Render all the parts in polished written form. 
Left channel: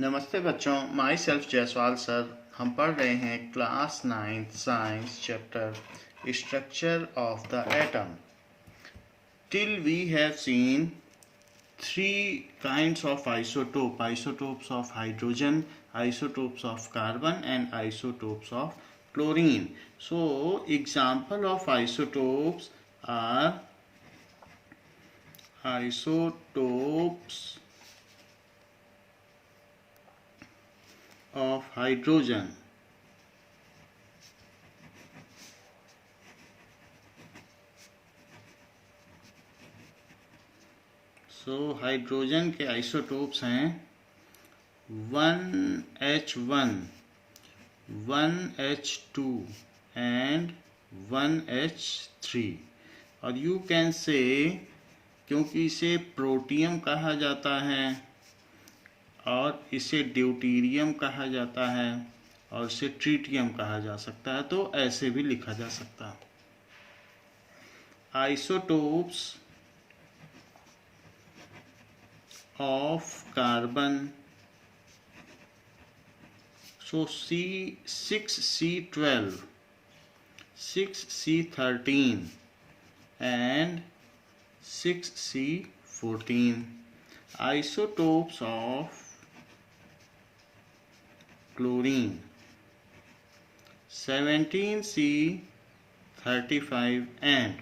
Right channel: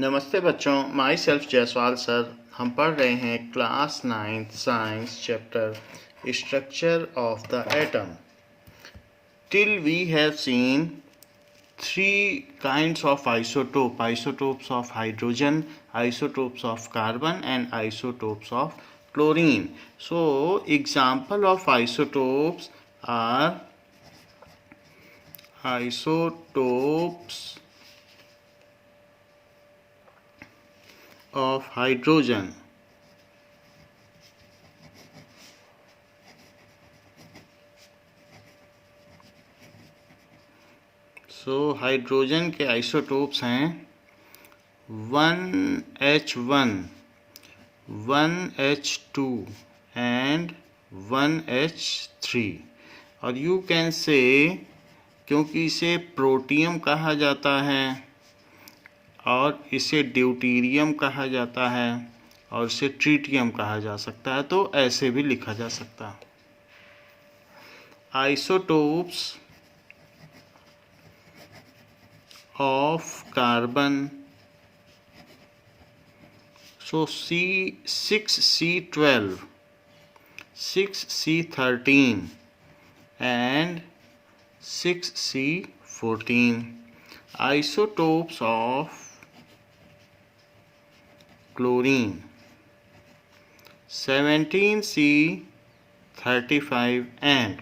नमस्ते बच्चों, my self Jaiswal sir. हम पढ़ रहे हैं class 9th science chapter structure of the atom. Till we have seen three kinds of isotopes of hydrogen, isotopes of carbon, and isotopes of chlorine. So example of isotopes are isotopes of hydrogen. So hydrogen के isotopes हैं 1H1, 1H2 and 1H3। और you can say, क्योंकि इसे protium कहा जाता है और इसे ड्यूटीरियम कहा जाता है और इसे ट्रीटियम कहा जा सकता है, तो ऐसे भी लिखा जा सकता है। Isotopes of carbon, so C6C12, 6C13 and 6C14. Isotopes of chlorine, 17C35 and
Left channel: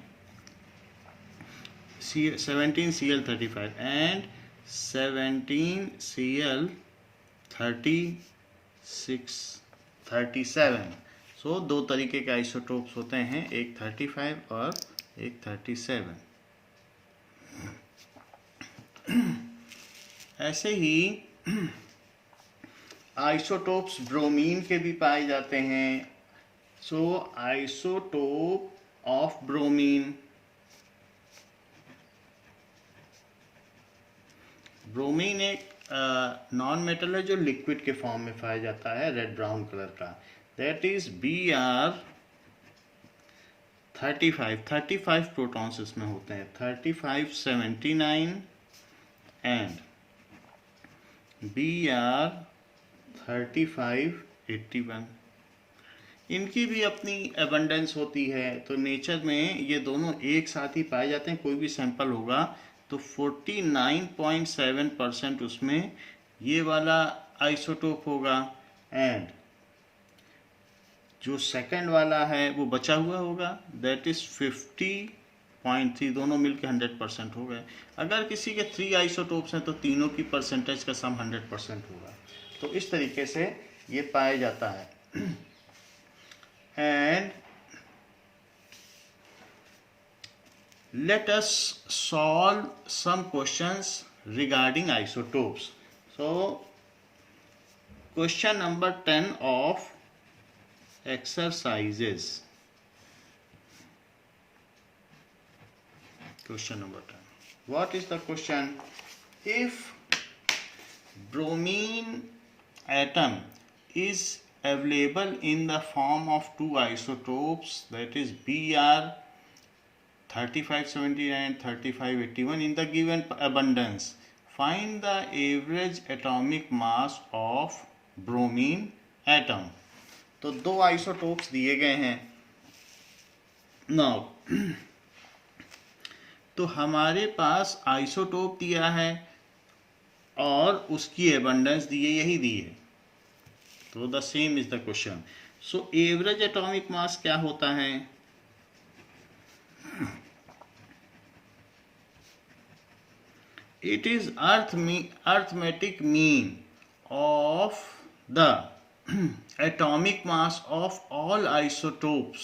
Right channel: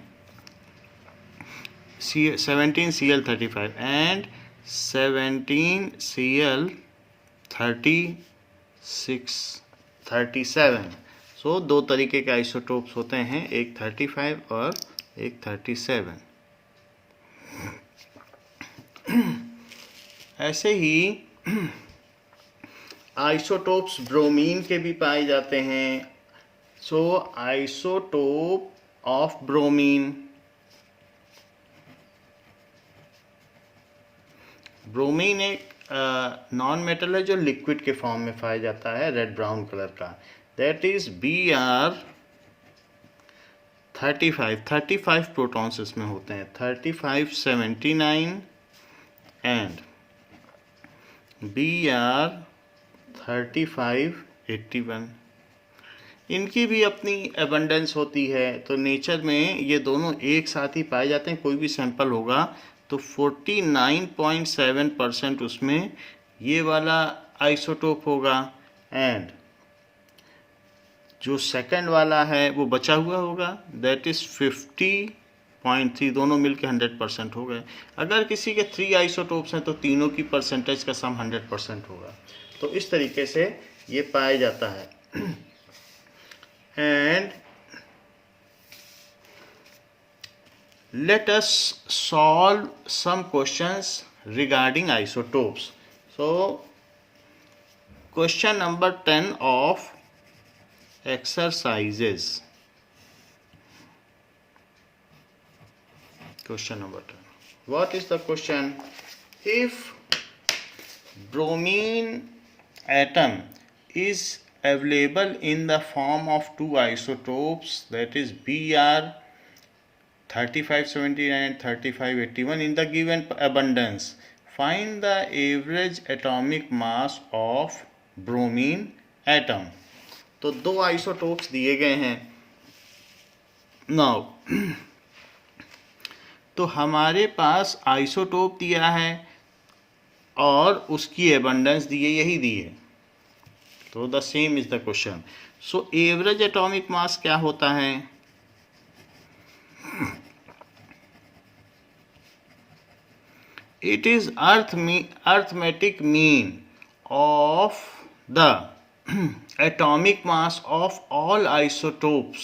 17Cl35 and 17Cl37। सो दो तरीके के आइसोटोप्स होते हैं, एक 35 और एक 37। ऐसे ही आइसोटोप्स ब्रोमीन के भी पाए जाते हैं। सो आइसोटोप ऑफ ब्रोमीन, ब्रोमीन एक नॉन मेटल है जो लिक्विड के फॉर्म में पाया जाता है, रेड ब्राउन कलर का। दैट इज Br35 प्रोटॉन्स इसमें होते हैं, 3579 एंड Br3581। इनकी भी अपनी एबंडेंस होती है, तो नेचर में ये दोनों एक साथ ही पाए जाते हैं। कोई भी सैंपल होगा तो 49.7% उसमें ये वाला आइसोटोप होगा एंड जो सेकंड वाला है वो बचा हुआ होगा, दैट इज 50.3। दोनों मिलके 100% हो गए। अगर किसी के 3 आइसोटोप्स हैं तो तीनों की परसेंटेज का सम 100% होगा। तो इस तरीके से ये पाया जाता है। And let us solve some questions regarding isotopes. So question number 10 of exercises. Question number 10. What is the question? If bromine atom is available in the form of two isotopes, that is Br3579 and 3581 in the given abundance, find the average atomic mass of bromine atom. तो दो isotopes दिए गए हैं। Now तो हमारे पास isotope दिया है और उसकी एबंडेंस दी है, यही दी है, तो the same is the question. So average atomic mass क्या होता है? It is arithmetic mean of the atomic mass of all isotopes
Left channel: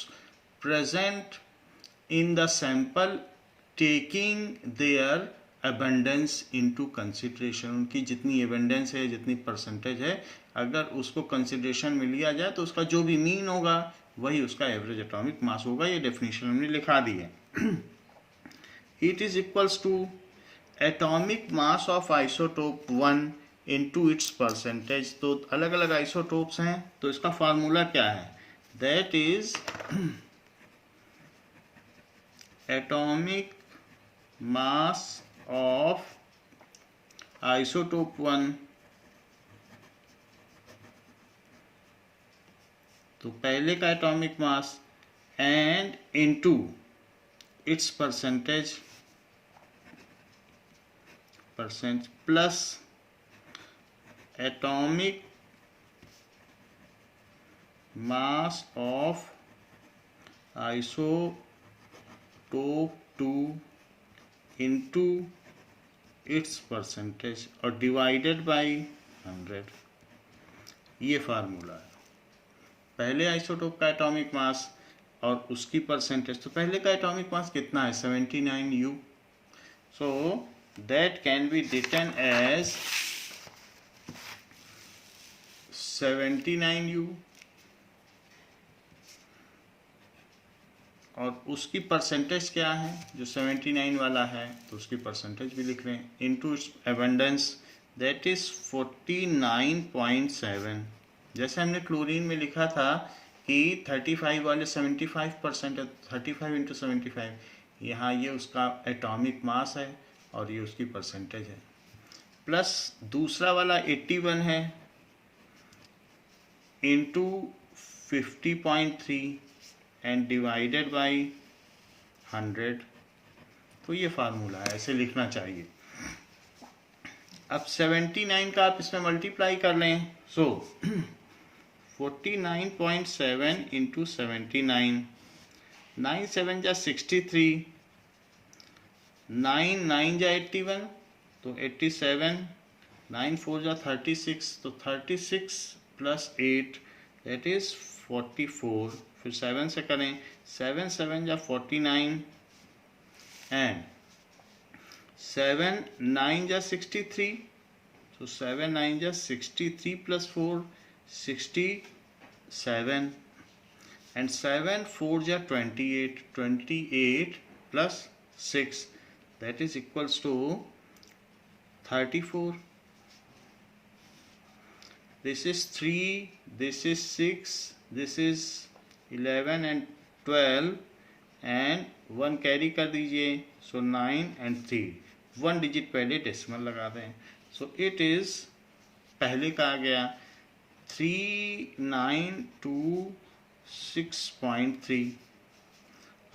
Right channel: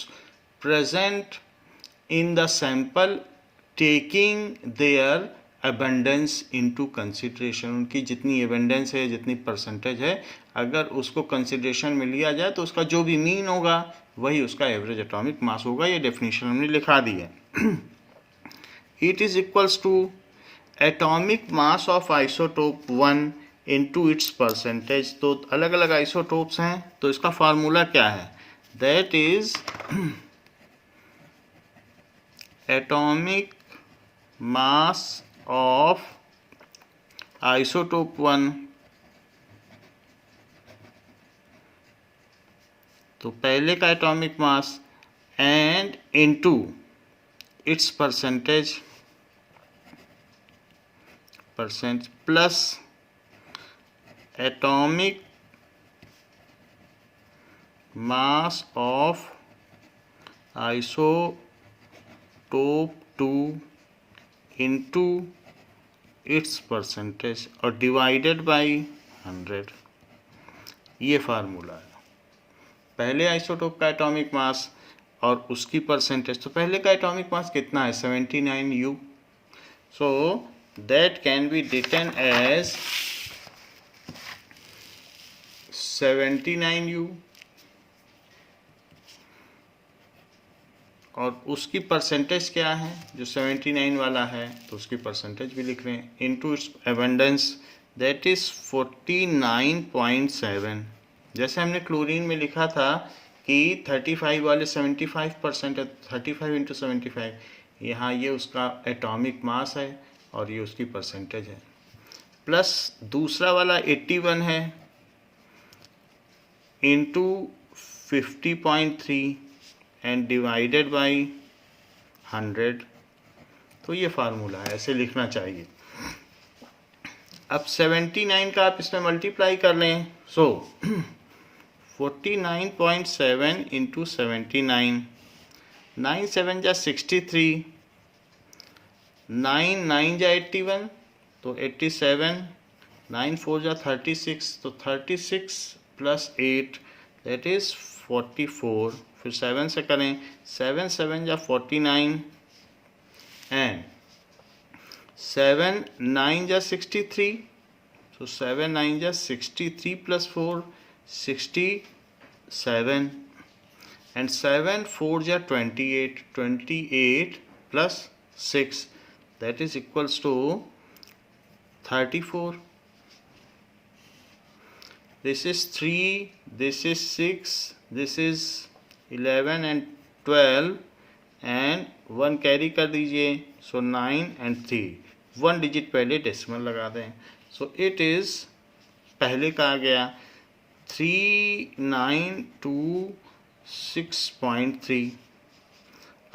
present in the sample, taking their abundance into consideration। उनकी जितनी abundance है, जितनी परसेंटेज है, अगर उसको कंसिडरेशन में लिया जाए तो उसका जो भी मीन होगा वही उसका एवरेज एटॉमिक मास होगा। ये डेफिनेशन हमने लिखा दी है। It is equals to atomic mass of isotope 1 into its percentage. तो अलग अलग आइसोटोप्स हैं, तो इसका फार्मूला क्या है? That is atomic mass of isotope 1 तो पहले का atomic mass and into its percentage plus atomic mass of isotope 2 into its percentage और डिवाइडेड बाई 100। ये फार्मूला है। पहले आइसोटोप का एटॉमिक मास और उसकी परसेंटेज। तो पहले का एटॉमिक मास कितना है? 79U। So that can be written as 79U और उसकी परसेंटेज क्या है? जो 79 वाला है तो उसकी परसेंटेज भी लिख रहे हैं into its abundance that is 49.7। जैसे हमने क्लोरीन में लिखा था कि 35 वाले 75% है, 35 इंटू 75। यहाँ ये उसका एटॉमिक मास है और ये उसकी परसेंटेज है। प्लस दूसरा वाला 81 है इंटू 50.3 एंड डिवाइडेड बाई 100। तो ये फार्मूला है, ऐसे लिखना चाहिए। अब 79 का आप इसमें मल्टीप्लाई कर लें। सो 49.7 इंटू 79, 9 7 जा 63, 9 9 जा 81 तो 87, 9 4 जा 36 तो 36 प्लस 8 दैट इज 44। फिर 7 से करें, 7 7 जा 49 एंड 7 9 जा 63 तो 7 9 जा 63 प्लस 4 67 एंड 7 4 जा 28, 28 plus 6 that is equals to 34। This is 3, this is 6, this is 11 and 12 and 1 carry कर दीजिए। सो 9 and 3, 1 डिजिट पहले डेसिमल लगा दें। सो इट इज़ पहले का आ गया 3926.3।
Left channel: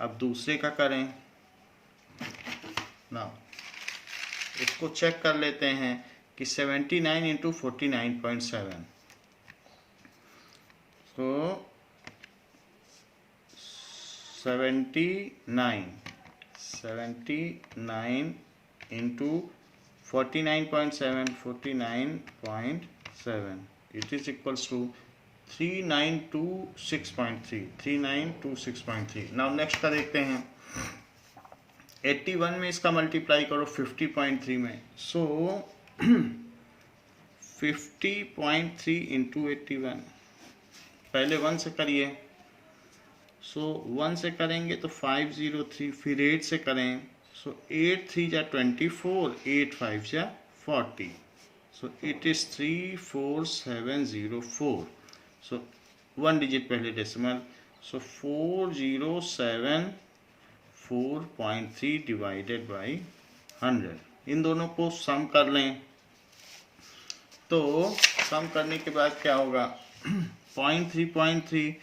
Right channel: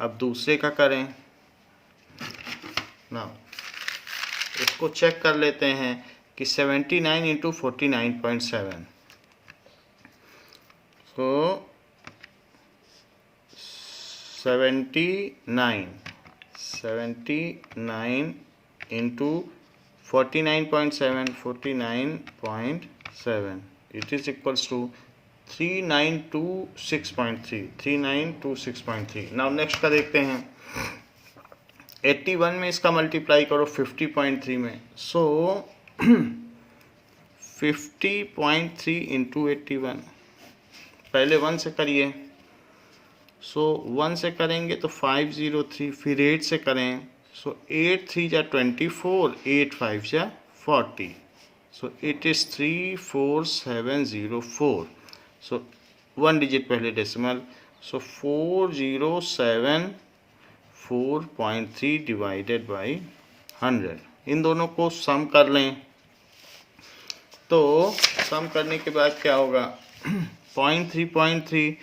अब दूसरे का करें ना, इसको चेक कर लेते हैं कि 79 इंटू 49.7। सो 79 into 49.7, 49.7 it is equals to 3926.3, 3926.3। Now next का देखते हैं। 81 में इसका मल्टीप्लाई करो 50.3 में। सो 50.3 इंटू 81, पहले 1 से करिए। सो 1 से करेंगे तो 503, फिर 8 से करें। सो 8 3 जा 24, 8 5 जा 40। So it is 34704। So 1 digit पहले डेसिमल। So 4074.3 divided by 100। इन दोनों को सम कर लें। तो सम करने के बाद क्या होगा? 0.3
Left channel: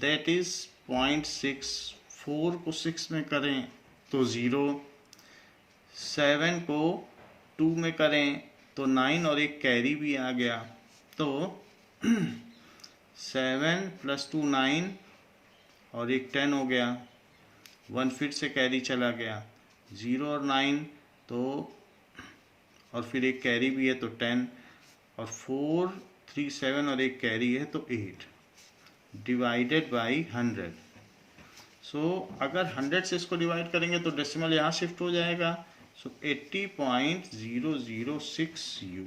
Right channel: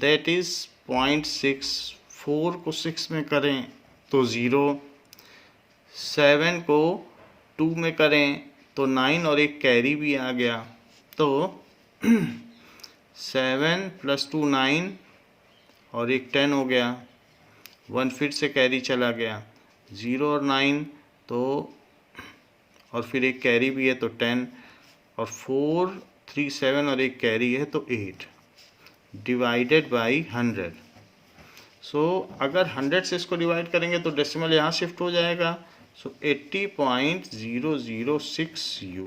दैट इज 0.6। 4 को 6 में करें तो 0, 7 को 2 में करें तो 9 और एक कैरी भी आ गया। तो 7 + 2 9 और एक 10 हो गया। 1 फिर से कैरी चला गया, 0 और 9 तो, और फिर एक कैरी भी है तो 10, और 4 3 7 और एक कैरी है तो 8 डिवाइडेड बाई 100। सो अगर 100 से इसको डिवाइड करेंगे तो डेसिमल यहाँ शिफ्ट हो जाएगा। सो 80.006 U।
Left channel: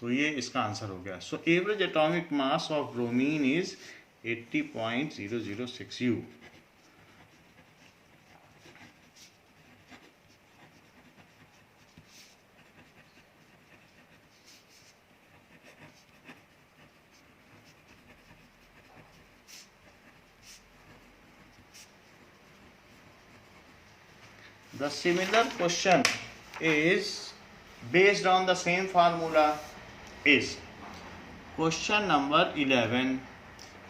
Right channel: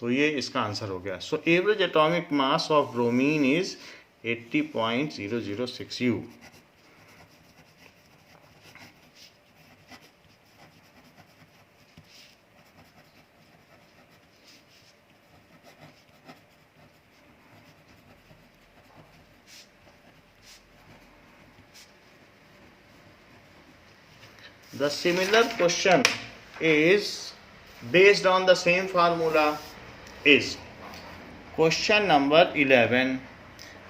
तो ये इसका आंसर हो गया। So average atomic mass of bromine is 80.006 U। The similar question is based on the same formula is question number 11.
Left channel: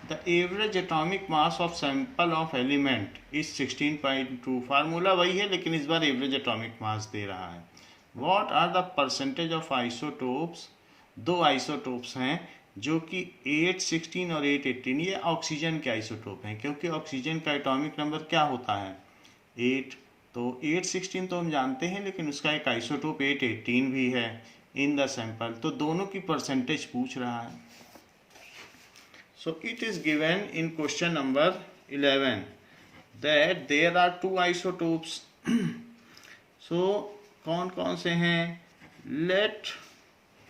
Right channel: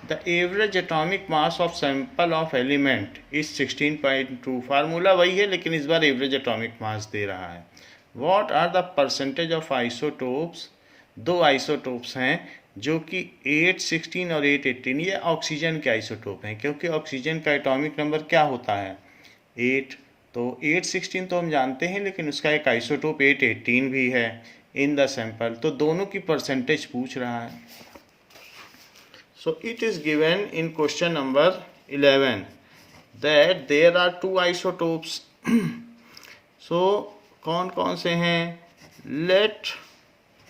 The average atomic mass of sample of element is 16.2। Formula वही है लेकिन इस बार average atomic mass दे रहा है। What are the percentage of isotopes? दो isotopes हैं जो कि 8, 16 और 8, 18, ये ऑक्सीजन के आइसोटोप हैं, क्योंकि ऑक्सीजन का एटॉमिक नंबर क्या होता है? 8। तो 8, 16 तो हम जानते हैं, लेकिन उसका एक आइसोटोप 8, 18 भी है इन द सैंपल। तो दोनों की परसेंटेज पूछ रहा है। So it is given in question number 11 that there are two isotopes. So कौन कौन से हैं? Let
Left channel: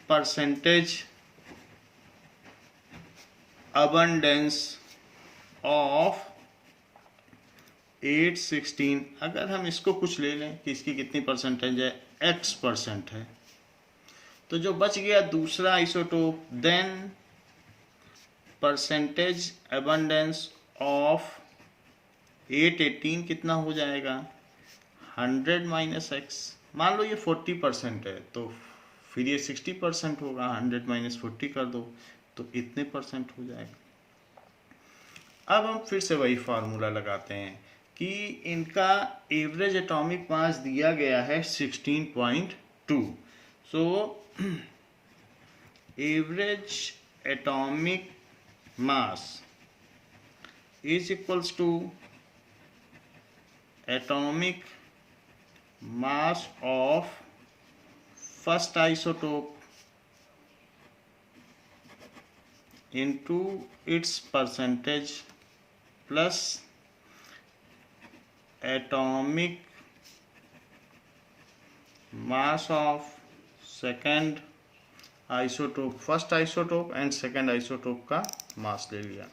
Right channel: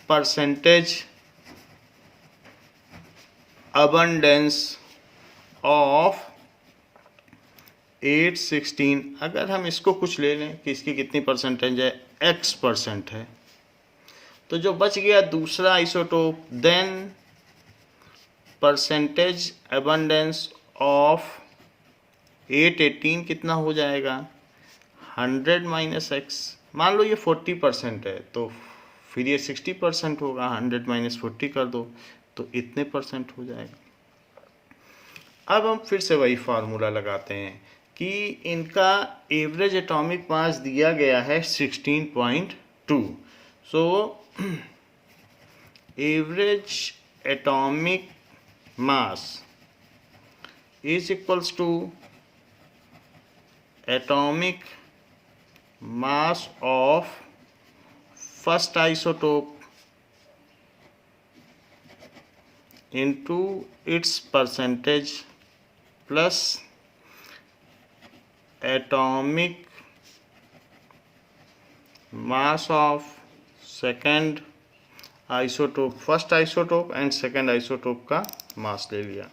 percentage abundance of 8, 16, अगर हम इसको कुछ ले लें कि इसकी कितनी परसेंटेज है, x% है, तो जो बच गया दूसरा isotope, then percentage abundance of 8, 18 कितना हो जाएगा? 100 माइनस x। मान लो ये 40% है तो फिर ये 60% होगा, 100 माइनस 40 कर दो तो इतने परसेंट हो जाएगा। अब हम फिर से वही फार्मूला लगाते हैं कि इनका एवरेज एटॉमिक मास दिया गया है 16.2। So average atomic mass is equals to atomic mass of first isotope into its percentage plus atomic mass of second isotope, first isotope and second isotope का मास ले लिया।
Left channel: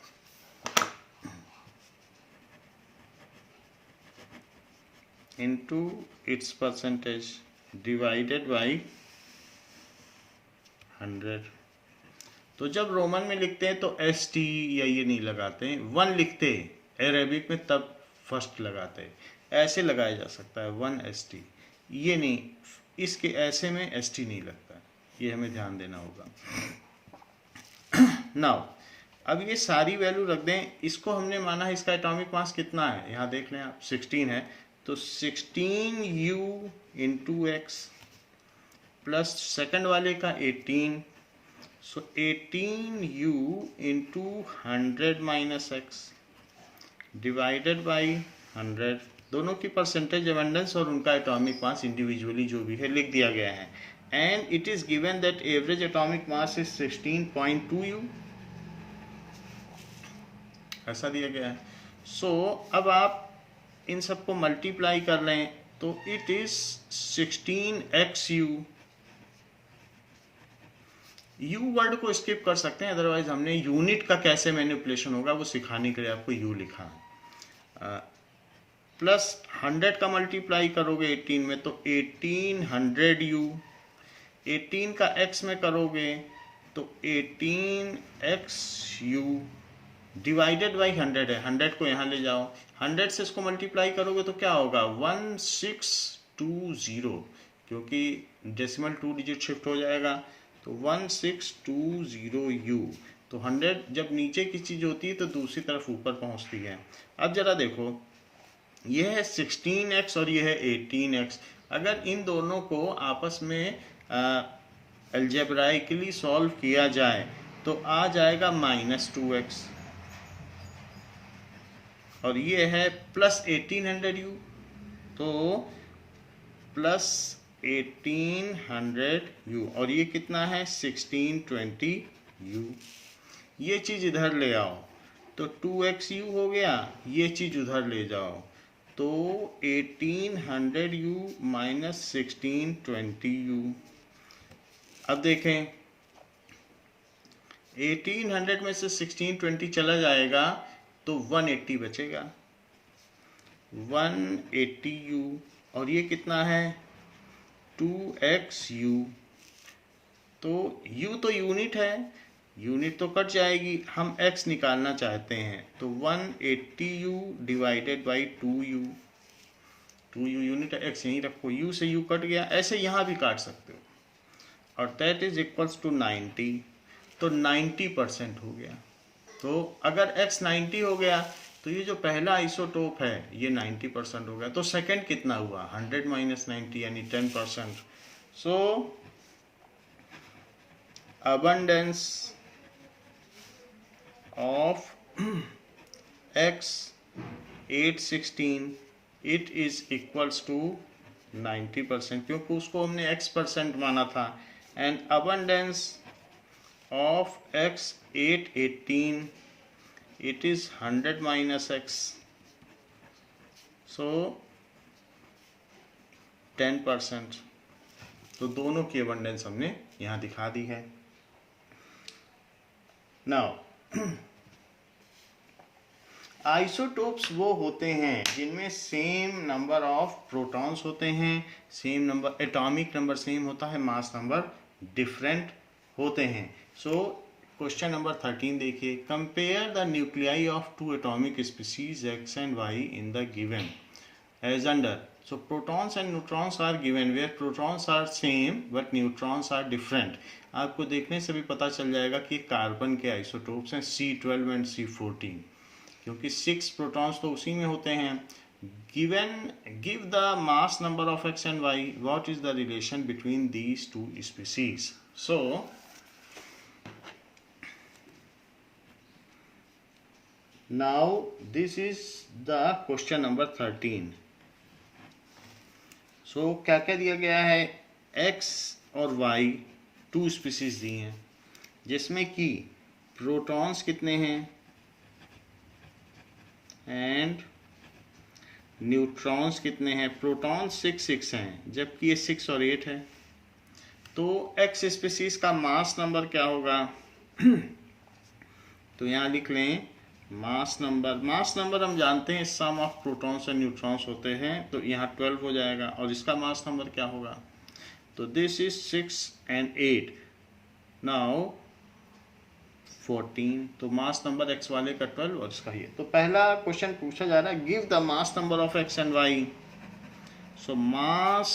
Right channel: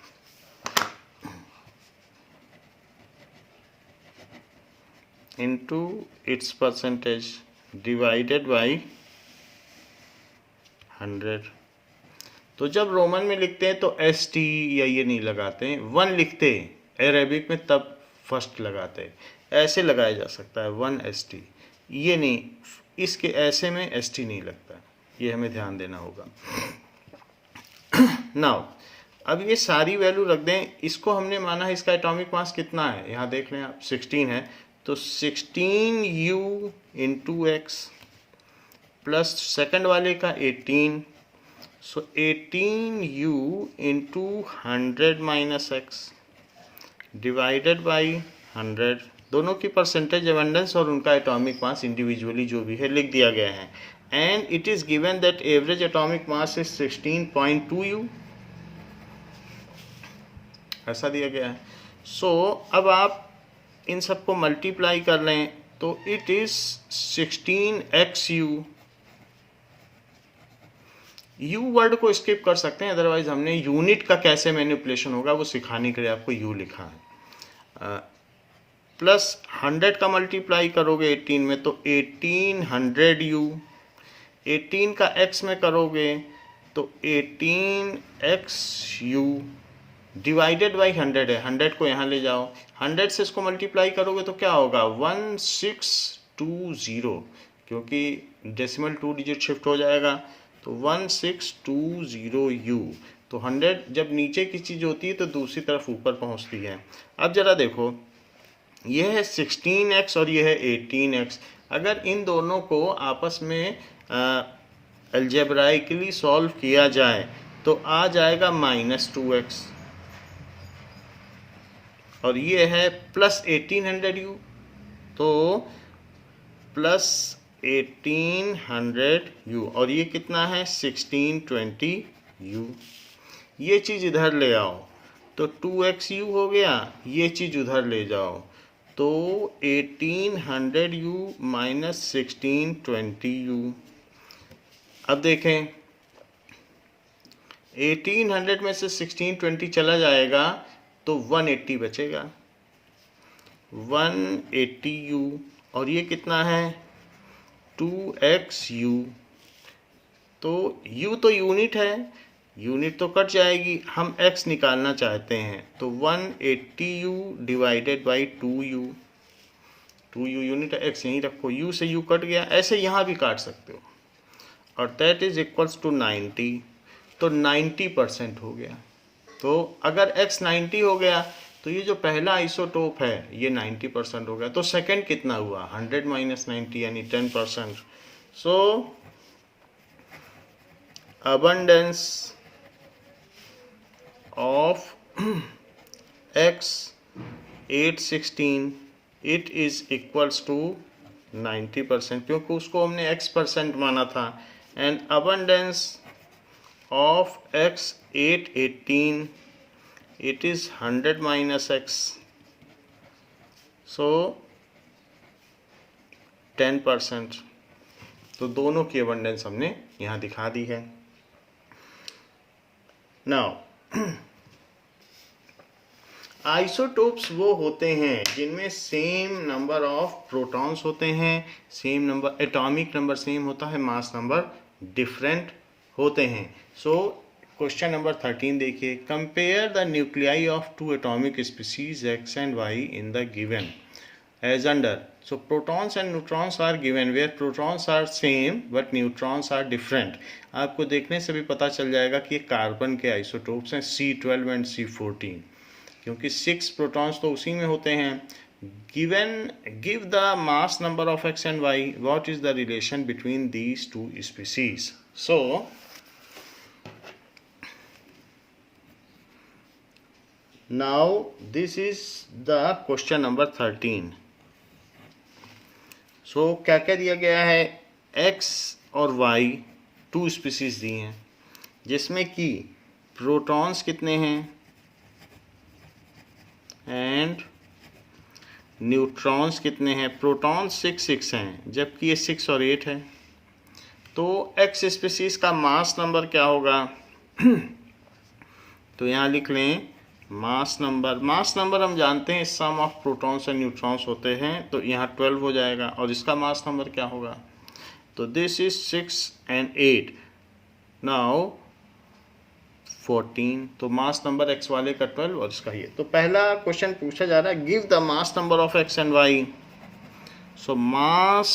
Into its percentage divided by 100। तो जब Roman में लिखते हैं तो ST या ये नहीं लगाते हैं, 1 लिखते अरेबिक में तब फर्स्ट लगाते हैं। ऐसे लगाया जा सकता है 1 ST, ये नहीं, इसके ऐसे में ST नहीं लगता, ये हमें ध्यान देना होगा। नाउ अब ये सारी वैल्यू रख दें। इसको हमने माना है इसका एटॉमिक मास कितना है, यहाँ देख लें आप, 16 है, तो 16U into x plus second वाले का 18, सो 18U into 100 minus x divided by 100। दोनों की परसेंटेज अबंडेंस और उनका एटॉमिक मास इंडिविजुअली जो भी है लिख दिया गया है। And it is given that average atomic mass is 16.2U, ऐसा दिया गया है। सो अब आप इन सबको मल्टीप्लाई कर लें तो it is 16xU। U word को स्किप कर सकते हैं, अदरवाइज हमने यूनिट का कैसे मैनिपुलेशन होगा वो सिखाने के लिए आपको U लिखा है। प्लस 100 का मल्टीप्लाई करोगे 18 में तो 1800U, 18 का x में करोगे तो 18xU डिवाइडेड बाई 100 है, 100 को यहाँ ले जाओ, 100 से इसको मल्टीप्लाई करोगे तो क्या होगा 1620, क्योंकि डेसिमल 2 डिजिट शिफ्ट हो जाएगा तो 1620U। तो 100 जब नीचे की चीज़ होती है तो दूसरी तरफ ऊपर पहुँचती है। अब जरा देखो, यह है 16x और यह है 18x। अगर इन दोनों को आपस में अलजेब्राइकली सॉल्व किया जाए तो आ जाएगा -2x, और ये है प्लस 1800U, तो प्लस 1800U, और ये कितना है 1620U। ये चीज़ इधर ले आओ तो 2xU हो गया, ये चीज़ उधर ले जाओ तो 1800U माइनस 1620U। अब देखें 1800 में से 1620 चला जाएगा तो 180 बचेगा, 180U, और ये कितना है 2xU। तो U तो यूनिट है, यूनिट तो कट जाएगी, हम x निकालना चाहते हैं तो 180U divided by 2U, 2U unit है, x यहीं रखो, U से U कट गया, ऐसे यहाँ भी काट सकते हो, और दैट इज इक्वल्स टू 90, तो 90% हो गया। तो अगर x 90 हो गया तो ये जो पहला आइसोटोप है ये 90% हो गया, तो सेकंड कितना हुआ 100 माइनस 90 यानी 10%। सो abundance of x 816 it is equals to 90%, क्योंकि उसको हमने x% माना था। And abundance of x 818 it is 100 minus x, so 10%। तो दोनों की abundance हमने यहाँ दिखा दी है। नाउ आइसोटोप्स वो होते हैं जिनमें सेम नंबर ऑफ प्रोटॉन्स होते हैं, same number atomic number same होता है, मास नंबर डिफरेंट होते हैं। सो क्वेश्चन नंबर 13 देखिए, compare the nuclei of two atomic species X and Y in the given as under. So protons and neutrons are given where protons are same but neutrons are different। आपको देखने से भी पता चल जाएगा कि ये कार्बन के आइसोटोप्स हैं C12 एंड C14, क्योंकि 6 प्रोटॉन्स तो उसी में होते हैं। Give the mass number of X and Y, what is the relation between these two species. So now this is the question number 13। So क्या क्या दिया गया है, x और y टू स्पीसीज दी हैं जिसमें कि प्रोटॉन्स कितने हैं एंड न्यूट्रॉन्स कितने हैं। प्रोटॉन्स 6 हैं जबकि ये 6 और 8 है। तो x स्पीसीज का मास नंबर क्या होगा तो यहाँ लिख लें मास नंबर हम जानते हैं सम ऑफ प्रोटॉन्स एंड न्यूट्रॉन्स होते हैं, तो यहाँ 12 हो जाएगा। और इसका मास नंबर क्या होगा, तो दिस इज 6 एंड 8 नाउ 14। तो मास नंबर एक्स वाले का 12 और इसका ये। तो पहला क्वेश्चन पूछा जा रहा है, give the mass number of X and Y. So mass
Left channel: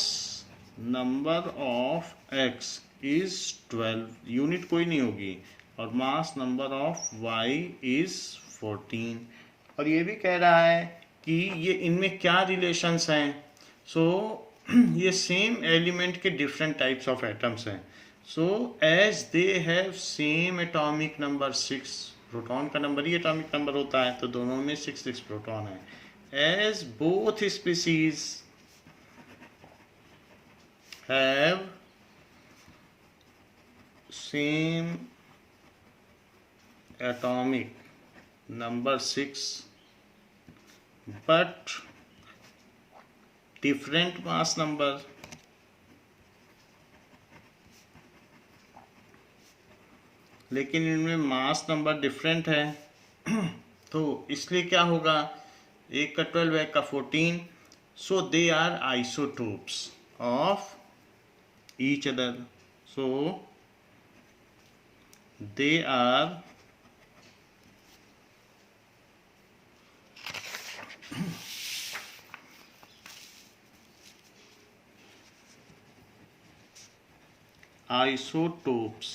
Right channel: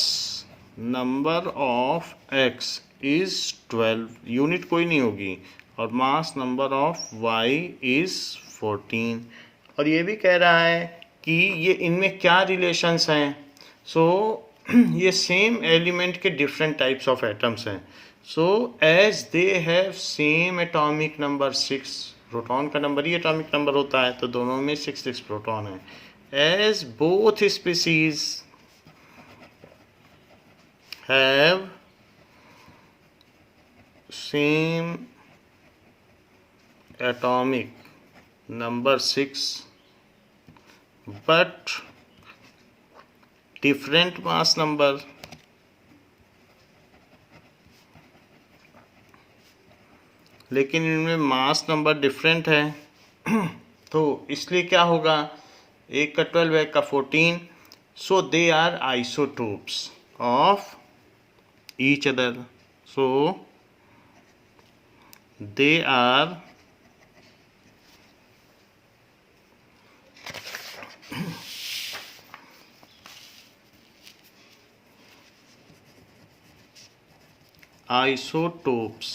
number of X is 12, unit कोई नहीं होगी, और mass number of Y is 14। और ये भी कह रहा है कि ये इनमें क्या रिलेशंस हैं। सो ये सेम एलिमेंट के डिफरेंट टाइप्स ऑफ एटम्स हैं। So as they have same atomic number 6, proton का नंबर ही एटॉमिक नंबर होता है, तो दोनों में 6 प्रोटॉन है। As both species have same atomic number 6 but different mass number, लेकिन इनमें मास नंबर डिफरेंट है तो इसलिए क्या होगा, एक का 12 एक का 14। So they are isotopes of each other. So they are isotopes.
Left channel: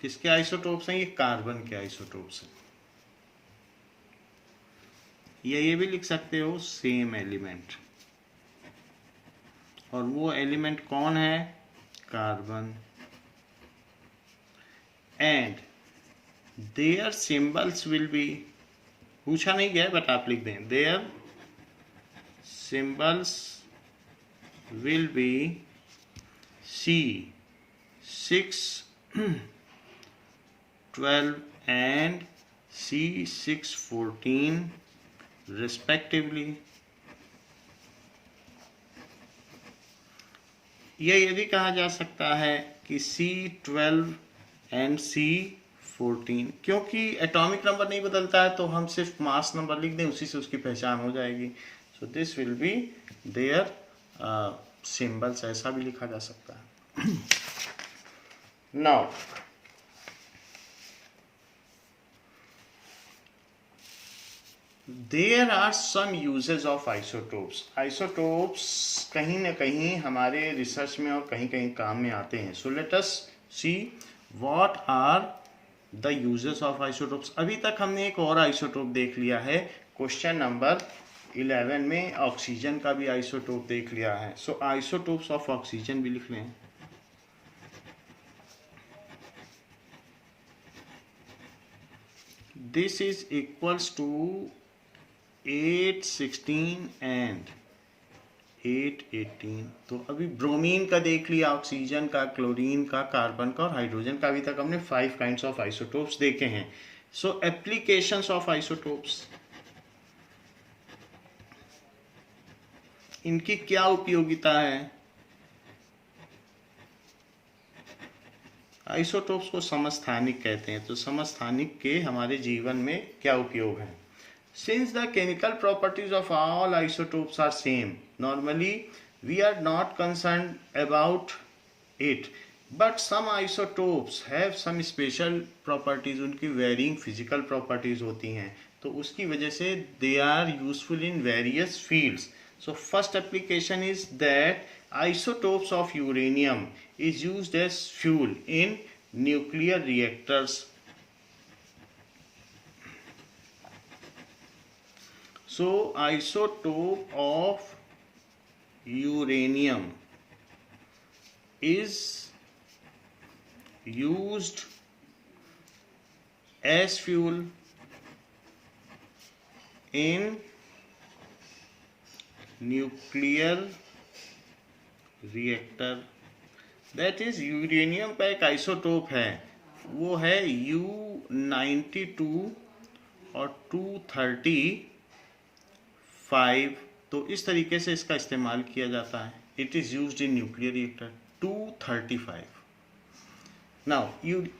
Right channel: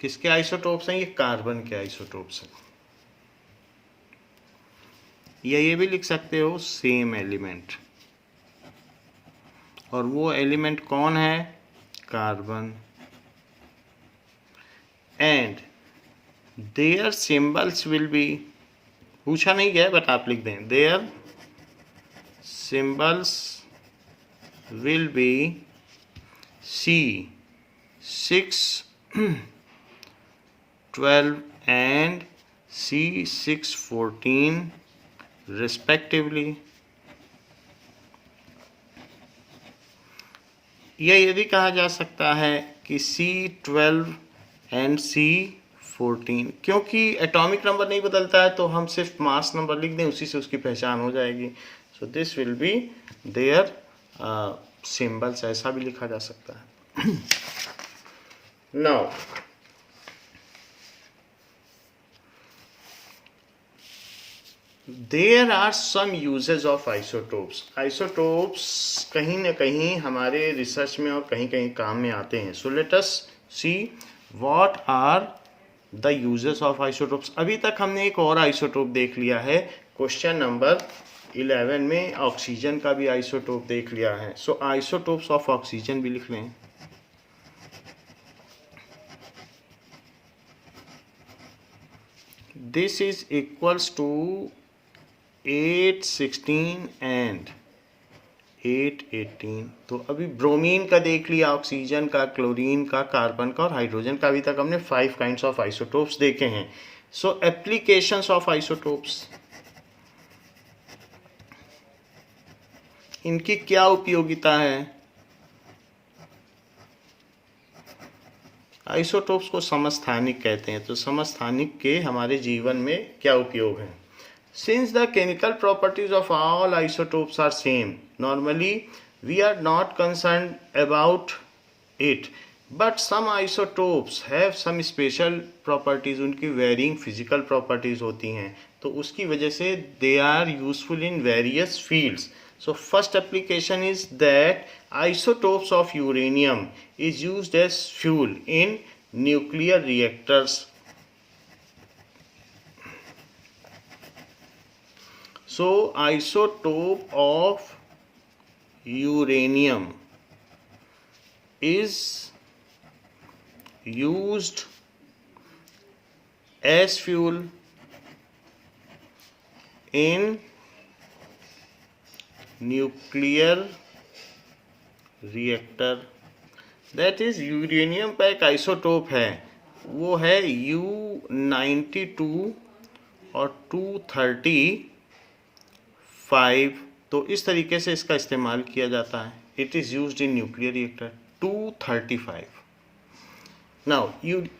किसके आइसोटोप्स हैं, ये कार्बन के आइसोटोप्स हैं। या ये भी लिख सकते हो सेम एलिमेंट, और वो एलिमेंट कौन है, carbon. And their symbols will be, पूछा नहीं गया बट आप लिख दें, their symbols will be C6 12 and C6 14 respectively। यह ये भी कहा जा सकता है कि C12 एंड C14, क्योंकि एटॉमिक नंबर नहीं बदलता है तो हम सिर्फ मास नंबर लिख दें, उसी से उसकी पहचान हो जाएगी। So this will be their symbols, ऐसा भी लिखा जा सकता है। Now there are some uses of isotopes. Isotopes कहीं ना कहीं हमारे रिसर्च में और कहीं कहीं काम में आते हैं। So let us see what are the uses of isotopes. अभी तक हमने एक और आइसोटोप देख लिया है, क्वेश्चन नंबर 11 में ऑक्सीजन का भी आइसोटोप देख लिया है। सो आइसोटोप्स ऑफ ऑक्सीजन भी लिख लें। This is equals to 816 and 818। तो अभी ब्रोमीन का देख लिया, ऑक्सीजन का, क्लोरीन का, कार्बन का और हाइड्रोजन का। अभी तक हमने 5 काइंड्स ऑफ आइसोटोप्स देखे हैं। सो एप्लीकेशंस ऑफ आइसोटोप्स, इनकी क्या उपयोगिता है? आइसोटोप्स को समस्थानिक कहते हैं। तो समस्थानिक के हमारे जीवन में क्या उपयोग है? Since the chemical properties of all isotopes are same, normally we are not concerned about it. But some isotopes have some special properties, उनकी varying physical properties होती हैं, तो उसकी वजह से they are useful in various fields. So first application is that isotopes of uranium is used as fuel in nuclear reactors. So isotope of uranium is used as fuel in nuclear reactor. That is, uranium का एक isotope है, वो है U92 और 235। तो इस तरीके से इसका इस्तेमाल किया जाता है। It is used in nuclear reactor 235। Now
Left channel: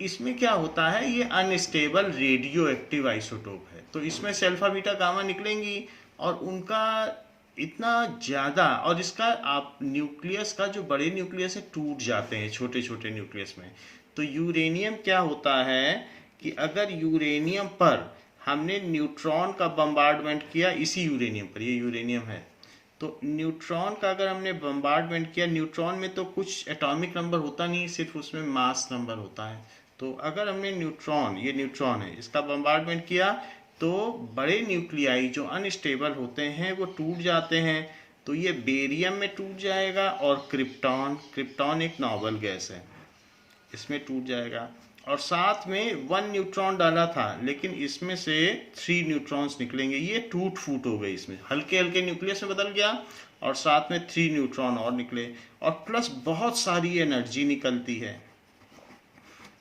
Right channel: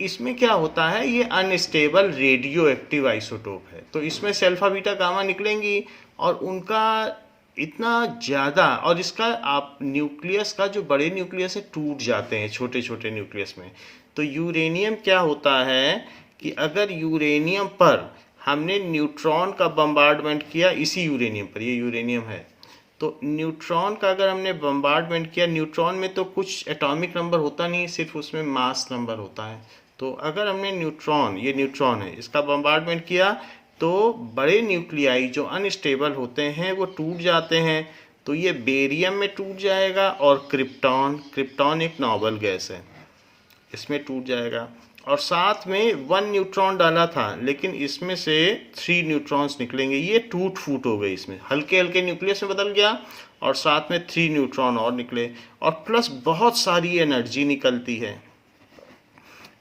इसमें क्या होता है, ये अनस्टेबल रेडियो एक्टिव आइसोटोप है। तो इसमें से अल्फा बीटा गामा निकलेंगी और उनका इतना ज़्यादा, और इसका आप न्यूक्लियस का जो बड़े न्यूक्लियस है टूट जाते हैं छोटे छोटे न्यूक्लियस में। तो यूरेनियम क्या होता है कि अगर यूरेनियम पर हमने न्यूट्रॉन का बम्बार्डमेंट किया, इसी यूरेनियम पर, ये यूरेनियम है, तो न्यूट्रॉन का अगर हमने बम्बार्डमेंट किया, न्यूट्रॉन में तो कुछ एटॉमिक नंबर होता नहीं, सिर्फ उसमें मास नंबर होता है। तो अगर हमने न्यूट्रॉन, ये न्यूट्रॉन है, इसका बम्बार्डमेंट किया तो बड़े न्यूक्लियाई जो अनस्टेबल होते हैं वो टूट जाते हैं। तो ये बेरियम में टूट जाएगा और क्रिप्टॉन एक नोबल गैस है, इसमें टूट जाएगा। और साथ में 1 न्यूट्रॉन डाला था, लेकिन इसमें से 3 न्यूट्रॉन्स निकलेंगे, ये टूट फूट हो गई, इसमें हल्के हल्के न्यूक्लियस में बदल गया और साथ में 3 न्यूट्रॉन और निकले, और प्लस बहुत सारी एनर्जी निकलती है।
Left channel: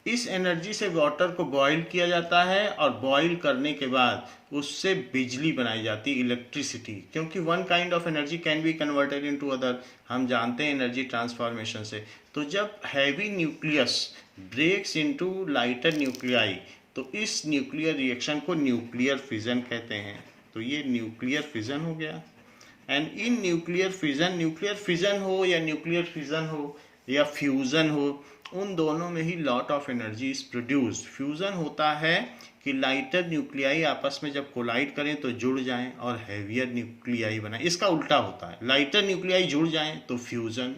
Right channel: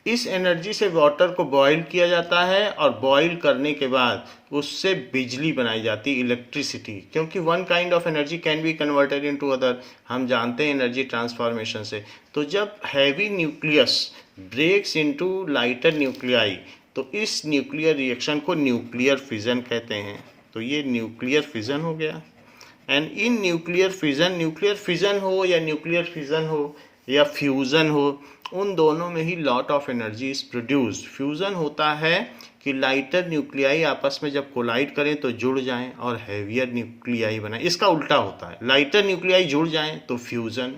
इस एनर्जी से वाटर को बॉईल किया जाता है और बॉईल करने के बाद उससे बिजली बनाई जाती है, इलेक्ट्रिसिटी, क्योंकि one kind of energy can be converted into other, हम जानते हैं एनर्जी ट्रांसफॉर्मेशन से। तो जब heavy nucleus breaks into lighter nuclei, तो इस न्यूक्लियर रिएक्शन को न्यूक्लियर फिजन कहते हैं। तो ये न्यूक्लियर फिजन हो गया। एंड इन न्यूक्लियर फिजन हो या न्यूक्लियर फिजन हो या फ्यूज़न हो, उन दोनों में ही lot of energy is produced. Fusion होता है कि लाइटर न्यूक्लियाई आपस में जब कोलाइड करें तो जुड़ जाएं और हैवियर न्यूक्लियाई बनाएं। इसका उल्टा होता है, लाइटर न्यूक्लियाई जुड़ जाएं तो फ्यूज़न,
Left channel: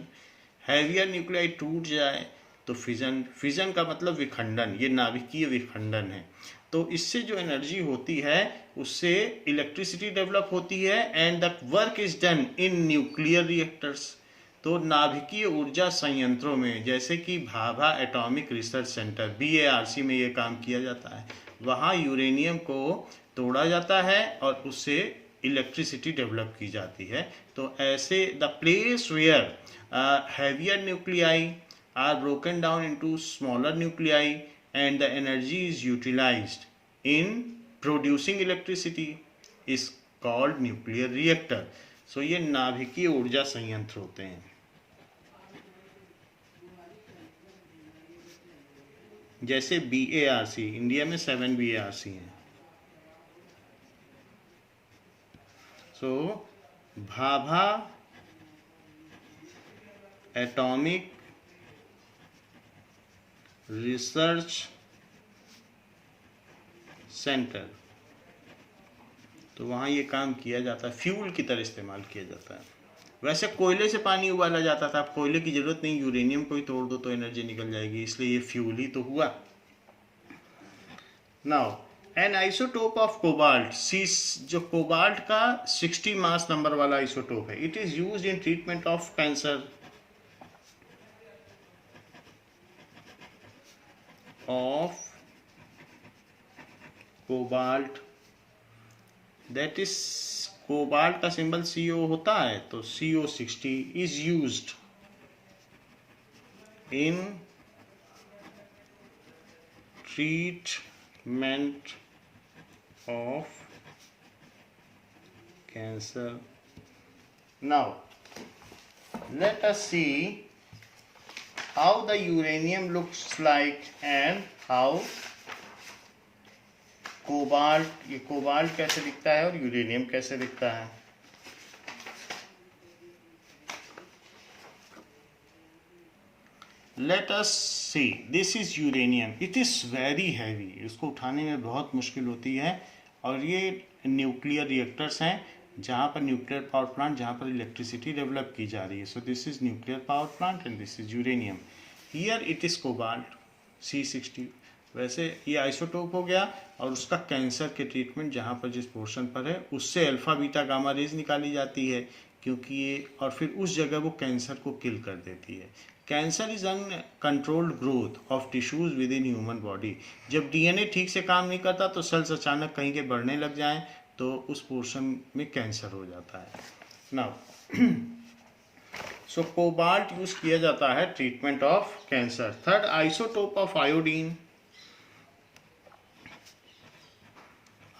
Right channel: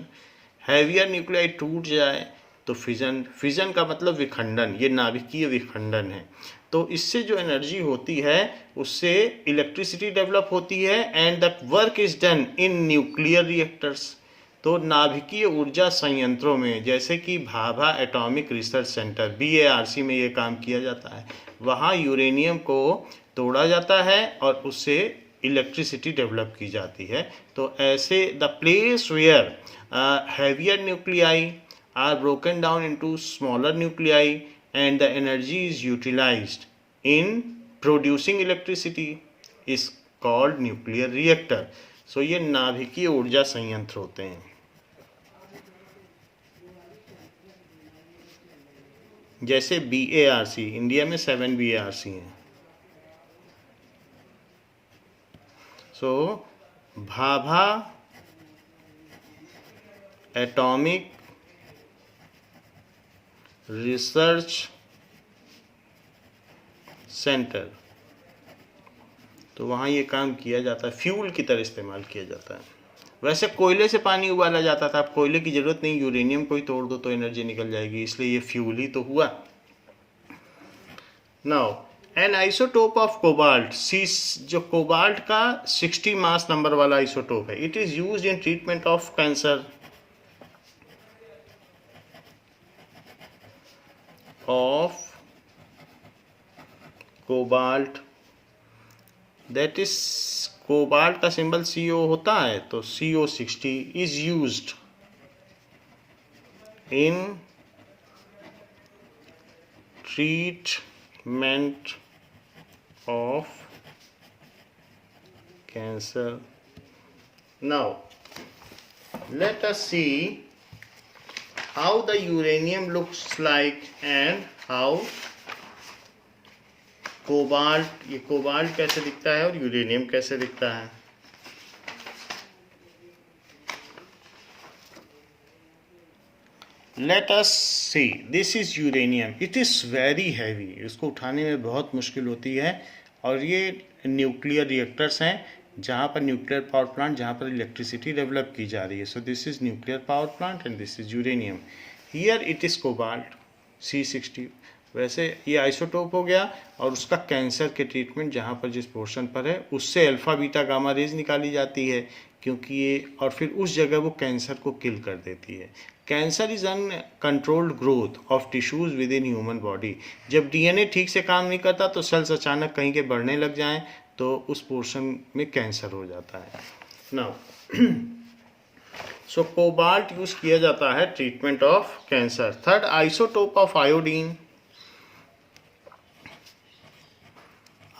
हैवियर न्यूक्लियाई टूट जाए तो फिजन। फिजन का मतलब विखंडन, ये नाभिकीय विखंडन है। तो इससे जो एनर्जी होती है उससे इलेक्ट्रिसिटी डेवलप होती है and the work is done in nuclear reactors. तो नाभिकीय ऊर्जा संयंत्रों में, जैसे कि Bhabha atomic research centre BARC में ये काम किया जाता है, वहाँ यूरेनियम को तोड़ा जाता है और उससे इलेक्ट्रिसिटी डेवलप की जाती है। तो ऐसे the place where heavier nuclei are broken down into smaller nuclei and the energy is utilized in producing electricity is called nuclear reactor. So ये नाभिकीय ऊर्जा संयंत्र होते हैं। जैसे BARC, इंडिया में 7 BARC हैं। सो भाभा एटॉमिक रिसर्च सेंटर, तो वहाँ ये काम किया जाता है, फ्यूल की तरह इस्तेमाल किया जाता है। वैसे कोयले से पानी उबाला जाता था, अब कोयले की ज़रूरत नहीं, यूरेनियम को ही तोड़ दो तो एनर्जी निकल जाएगी, इसलिए ये फ्यूल ही तो हुआ। Now an isotope of cobalt C, जो कोबाल्ट का 60 मास नंबर वाला आइसोटोप है, it is use in treatment of cancer of cobalt, that is cobalt का सिंबल CO होता है, तो CO60 is used in treatment of cancer. Now let us see how the uranium looks like and how cobalt, ये cobalt कैसे दिखता है और uranium कैसे दिखता है. Let us see, this is uranium. It is very heavy. इसको उठाने में बहुत मुश्किल होती है, और ये न्यूक्लियर रिएक्टर्स हैं जहाँ पर न्यूक्लियर पावर प्लांट, जहाँ पर इलेक्ट्रिसिटी डेवलप की जा रही है. So this is nuclear power plant and this is uranium. Here it is cobalt C60. वैसे ये आइसोटोप हो गया, और उसका कैंसर के ट्रीटमेंट जहाँ पर जिस पोर्शन पर है उससे अल्फा बीटा गामा रेज निकाली जाती है, क्योंकि ये, और फिर उस जगह वो कैंसर को किल कर देती है. Cancer is uncontrolled growth of tissues with in human body. जब DNA ठीक से काम नहीं करता तो सेल्स अचानक कहीं के बढ़ने लग जाएं तो उस पोर्शन में कैंसर हो जाता है. नाउ सो कोबाल्ट यूज किया जाता है treatment of cancer. Third, isotope of iodine.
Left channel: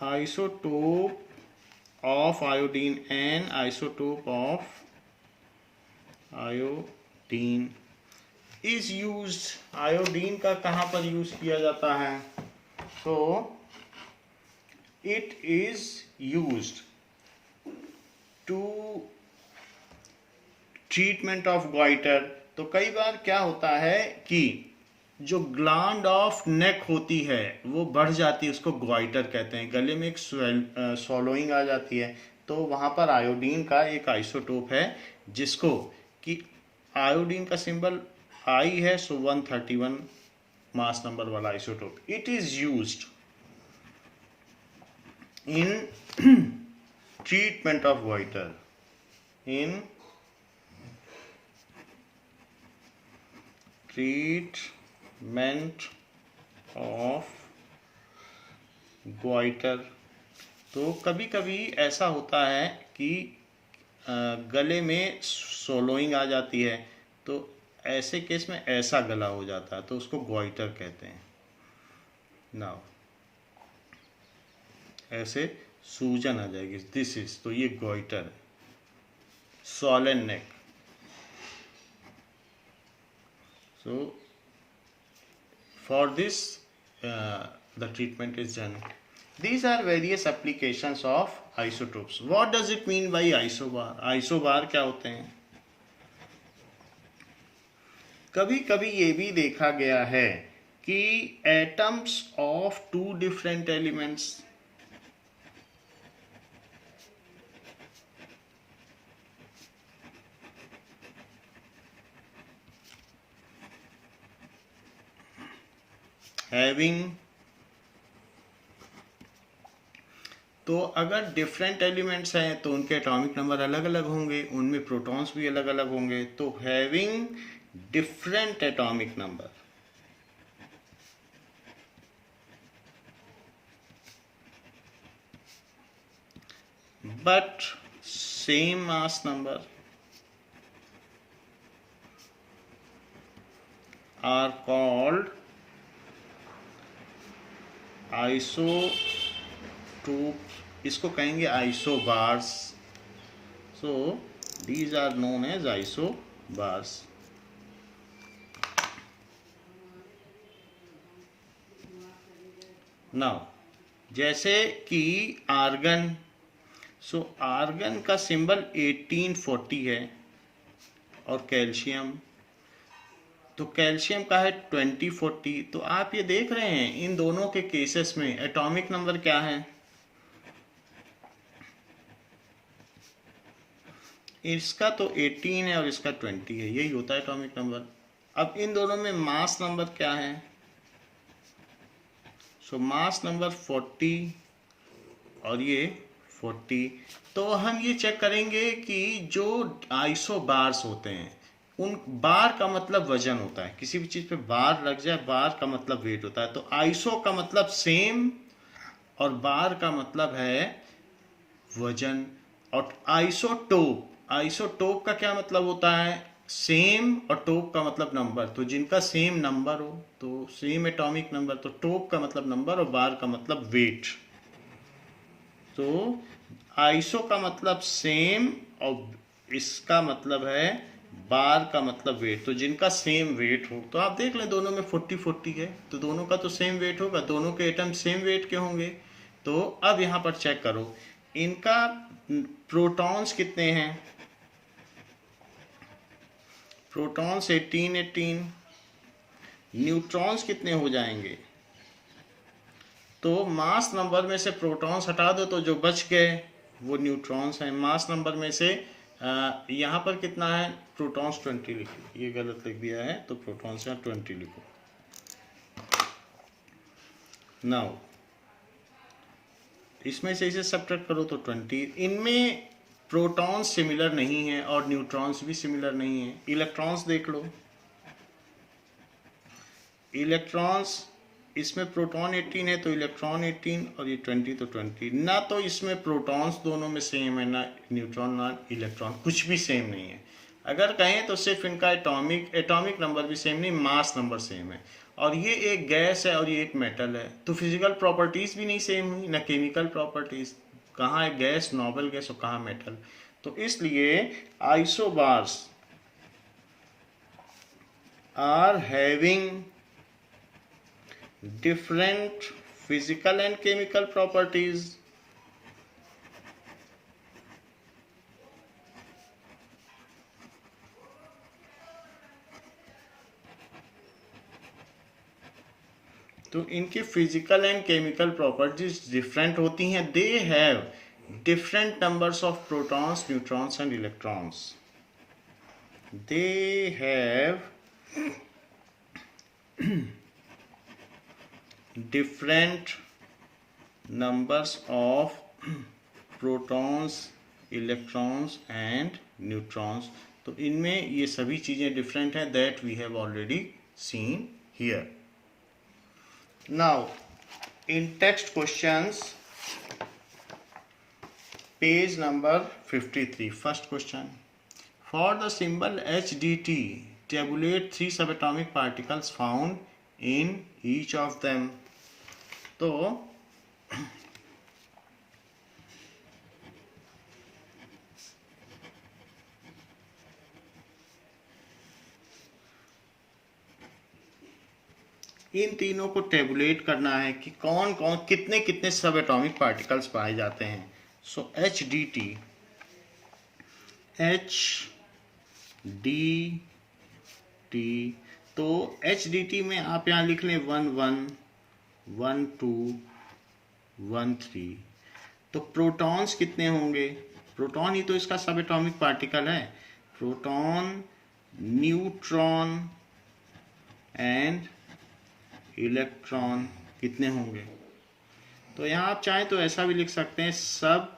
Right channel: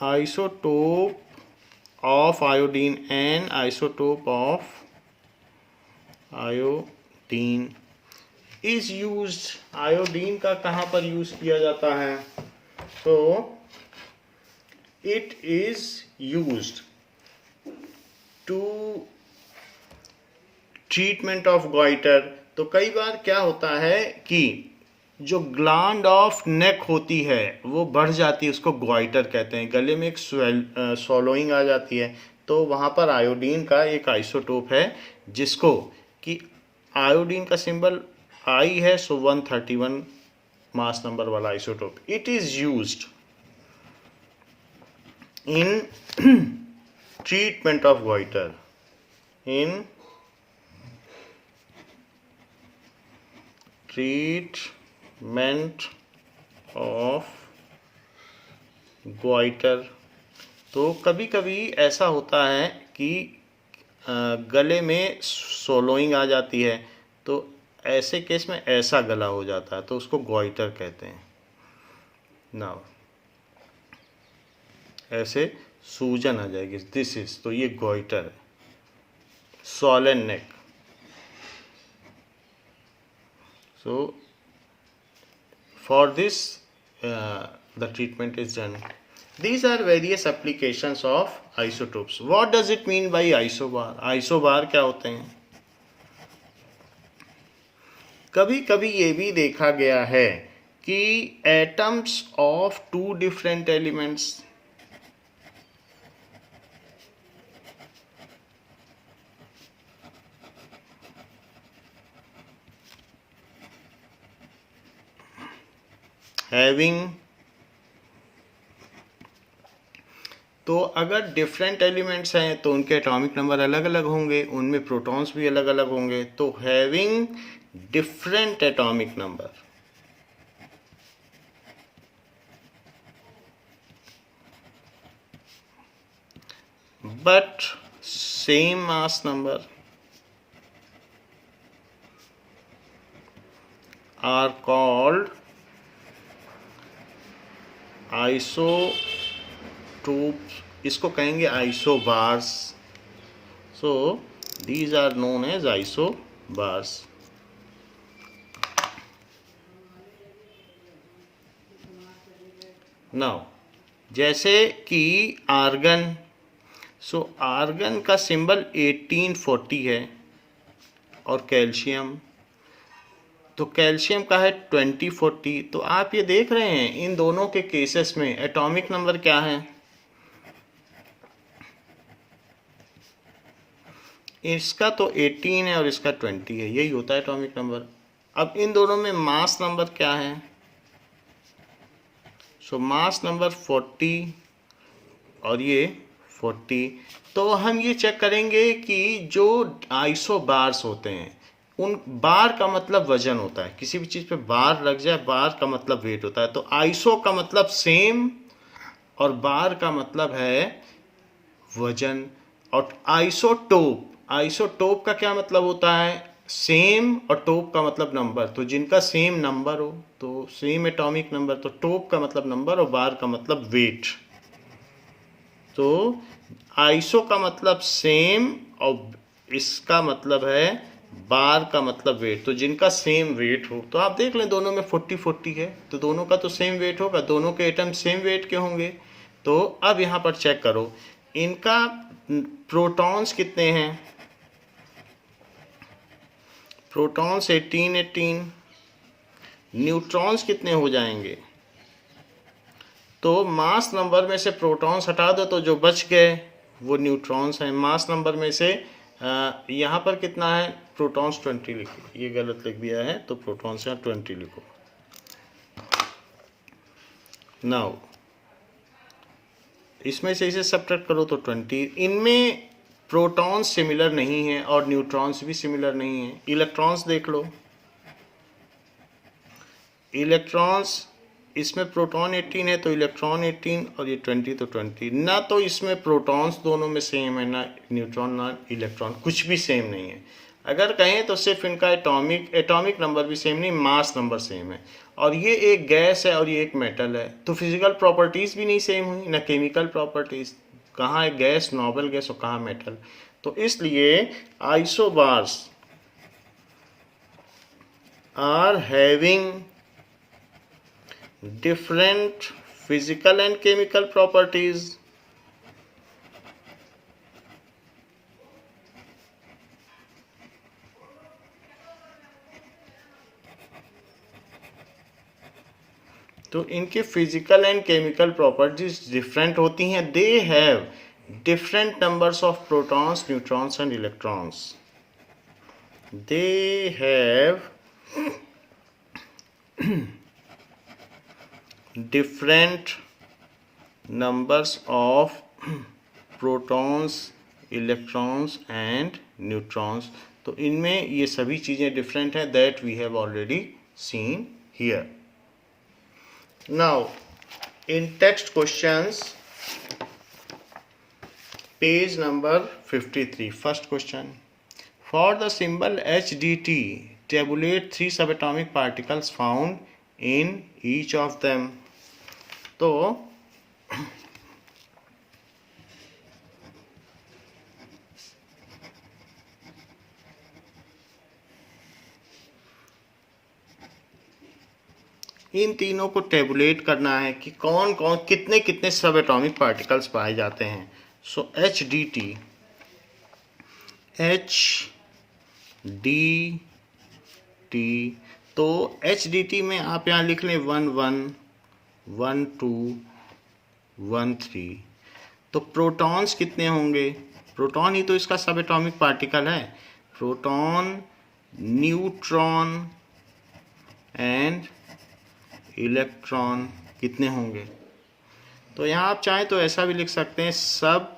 Isotope of iodine and isotope of iodine is used. Iodine का कहाँ पर यूज किया जाता है? तो it is used to treatment of goiter. तो कई बार क्या होता है कि जो ग्लैंड ऑफ नेक होती है वो बढ़ जाती है, उसको ग्वाइटर कहते हैं. गले में एक स्वॉलोइंग आ जाती है, तो वहाँ पर आयोडीन का एक आइसोटोप है जिसको कि आयोडीन का सिंबल I है, सो 131 मास नंबर वाला isotope. It is used in treatment of goitre. In treatment of goitre. तो कभी कभी ऐसा होता है कि गले में सोलोइंग आ जाती है, तो ऐसे केस में ऐसा गला हो जाता है, तो उसको ग्वाइटर कहते हैं. नाउ ऐसे सूजन आ जाएगी, दिस इज, तो ये goitre. Swollen neck. So for this the treatment is done. These are various applications of isotopes. What does it mean by isobar? Isobar क्या होते हैं? कभी कभी ये भी देखा गया है कि atoms of two different elements having, तो अगर डिफरेंट एलिमेंट्स हैं तो उनके एटॉमिक नंबर अलग अलग होंगे, उनमें प्रोटॉन्स भी अलग अलग होंगे. तो having different atomic number, but same mass number are called isotope. इसको कहेंगे isobars. So these are known as isobars. Now जैसे कि आर्गन. सो आर्गन का सिंबल 1840 है, और कैल्शियम, तो कैल्शियम का है 2040. तो आप ये देख रहे हैं इन दोनों के केसेस में एटॉमिक नंबर क्या है? इसका तो 18 है और इसका 20 है, यही होता है एटॉमिक नंबर. अब इन दोनों में मास नंबर क्या है? सो मास नंबर 40 और ये 40। तो हम ये चेक करेंगे कि जो आइसो बार्स होते हैं, उन बार का मतलब वजन होता है, किसी भी चीज़ पे बार लग जाए, बार का मतलब वेट होता है। तो आइसो का मतलब सेम और बार का मतलब है वजन। और आइसोटोप, आइसोटोप का क्या मतलब होता है? सेम, और टोप का मतलब नंबर। तो जिनका सेम नंबर हो, तो सेम एटॉमिक नंबर, तो टोप का मतलब नंबर और बार का मतलब वेट। तो आइसो का मतलब सेम और इसका मतलब है बार का मतलब वेट। तो जिनका सेम वेट हो, तो आप देख लें दोनों में 40-40 है, तो दोनों का तो सेम वेट होगा, दोनों के एटम सेम वेट के होंगे। तो अब यहाँ पर चेक करो, इनका प्रोटॉन्स कितने हैं? प्रोटॉन्स 18, न्यूट्रॉन्स कितने हो जाएंगे? तो मास नंबर में से प्रोटॉन्स हटा दो तो जो बच गए वो न्यूट्रॉन्स हैं। मास नंबर में से यहाँ पर कितना है? प्रोटॉन्स 20 लिखो, ये गलत लिख दिया है, तो प्रोटॉन्स यहाँ 20 लिखो। नाउ इसमें से इसे सब्ट्रैक्ट करो तो 20। इनमें प्रोटॉन्स सिमिलर नहीं है और न्यूट्रॉन्स भी सिमिलर नहीं है। इलेक्ट्रॉन्स देख लो, इलेक्ट्रॉन्स, इसमें प्रोटॉन 18 है तो इलेक्ट्रॉन 18, और ये 20 तो 20। ना तो इसमें प्रोटॉन्स दोनों में सेम है, ना न्यूट्रॉन ना इलेक्ट्रॉन, कुछ भी सेम नहीं है। अगर कहें तो सिर्फ इनका एटॉमिक नंबर भी सेम नहीं, मास नंबर सेम है। और ये एक गैस है और ये एक मेटल है, तो फिजिकल प्रॉपर्टीज़ भी नहीं सेम हुई, ना केमिकल प्रॉपर्टीज़। कहाँ है गैस, नोबल गैस, और कहाँ मेटल। तो इसलिए isobars are having different physical and chemical properties. तो इनके physical and chemical properties different होती हैं। They have different numbers of protons, neutrons and electrons. They have different numbers of protons, electrons and neutrons। तो इनमें ये सभी चीज़ें different हैं, that we have already seen here. Now in text questions, page number 53, first question, for the symbol HDT tabulate 3 subatomic particles found in each of them। तो इन तीनों को tablet करना है कि कौन कौन कितने कितने सब एटॉमिक पार्टिकल्स पाए जाते हैं। सो HDT, तो HDT में आप यहाँ लिख लें 1 1 1 2 1 3। तो प्रोटॉन्स कितने होंगे? प्रोटॉन ही तो इसका सब एटॉमिक पार्टिकल है। प्रोटॉन, न्यूट्रॉन एंड इलेक्ट्रॉन कितने होंगे? तो यहाँ आप चाहें तो ऐसा भी लिख सकते हैं, सब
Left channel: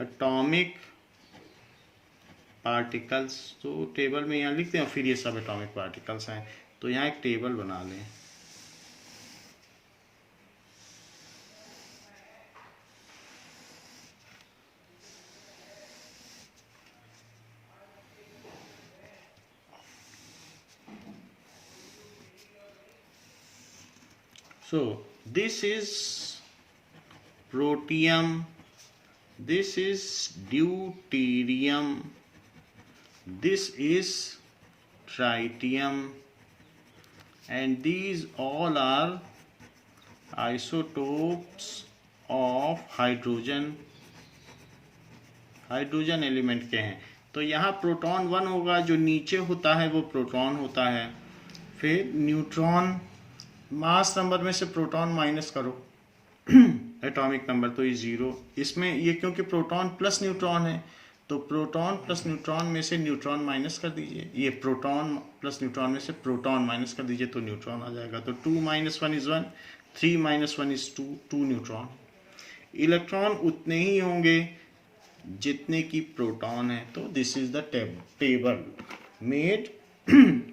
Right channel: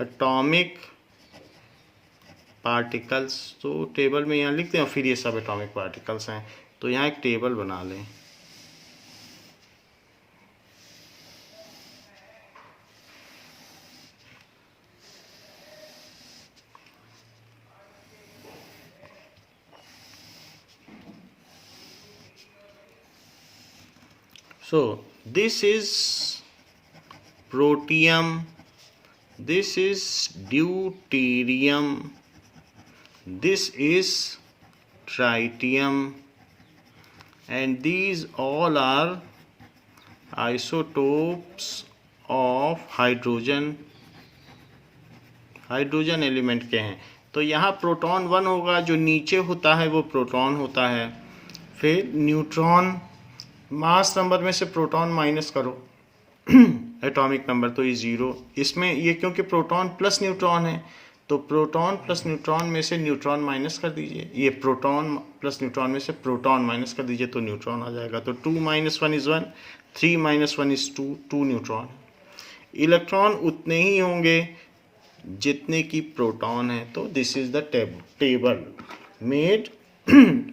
एटॉमिक पार्टिकल्स। तो टेबल में यहाँ लिखते हैं और फिर ये सब एटॉमिक पार्टिकल्स हैं। तो यहाँ एक टेबल बना लें। So this is protium, this is deuterium, this is tritium, and these all are isotopes of hydrogen element के हैं। तो यहाँ प्रोटॉन 1 होगा, जो नीचे होता है वो प्रोटॉन होता है। फिर न्यूट्रॉन, मास नंबर में से प्रोटॉन माइनस करो एटॉमिक नंबर, तो ये 0। इसमें ये क्योंकि प्रोटॉन प्लस न्यूट्रॉन है तो प्रोटॉन प्लस न्यूट्रॉन में से न्यूट्रॉन माइनस कर दीजिए, ये प्रोटॉन प्लस न्यूट्रॉन में से प्रोटॉन माइनस कर दीजिए तो न्यूट्रॉन आ जाएगा। तो 2 - 1 is 1, 3 - 1 is 2, 2 न्यूट्रॉन। इलेक्ट्रॉन उतने ही होंगे जितने की प्रोटॉन है। तो this is the table made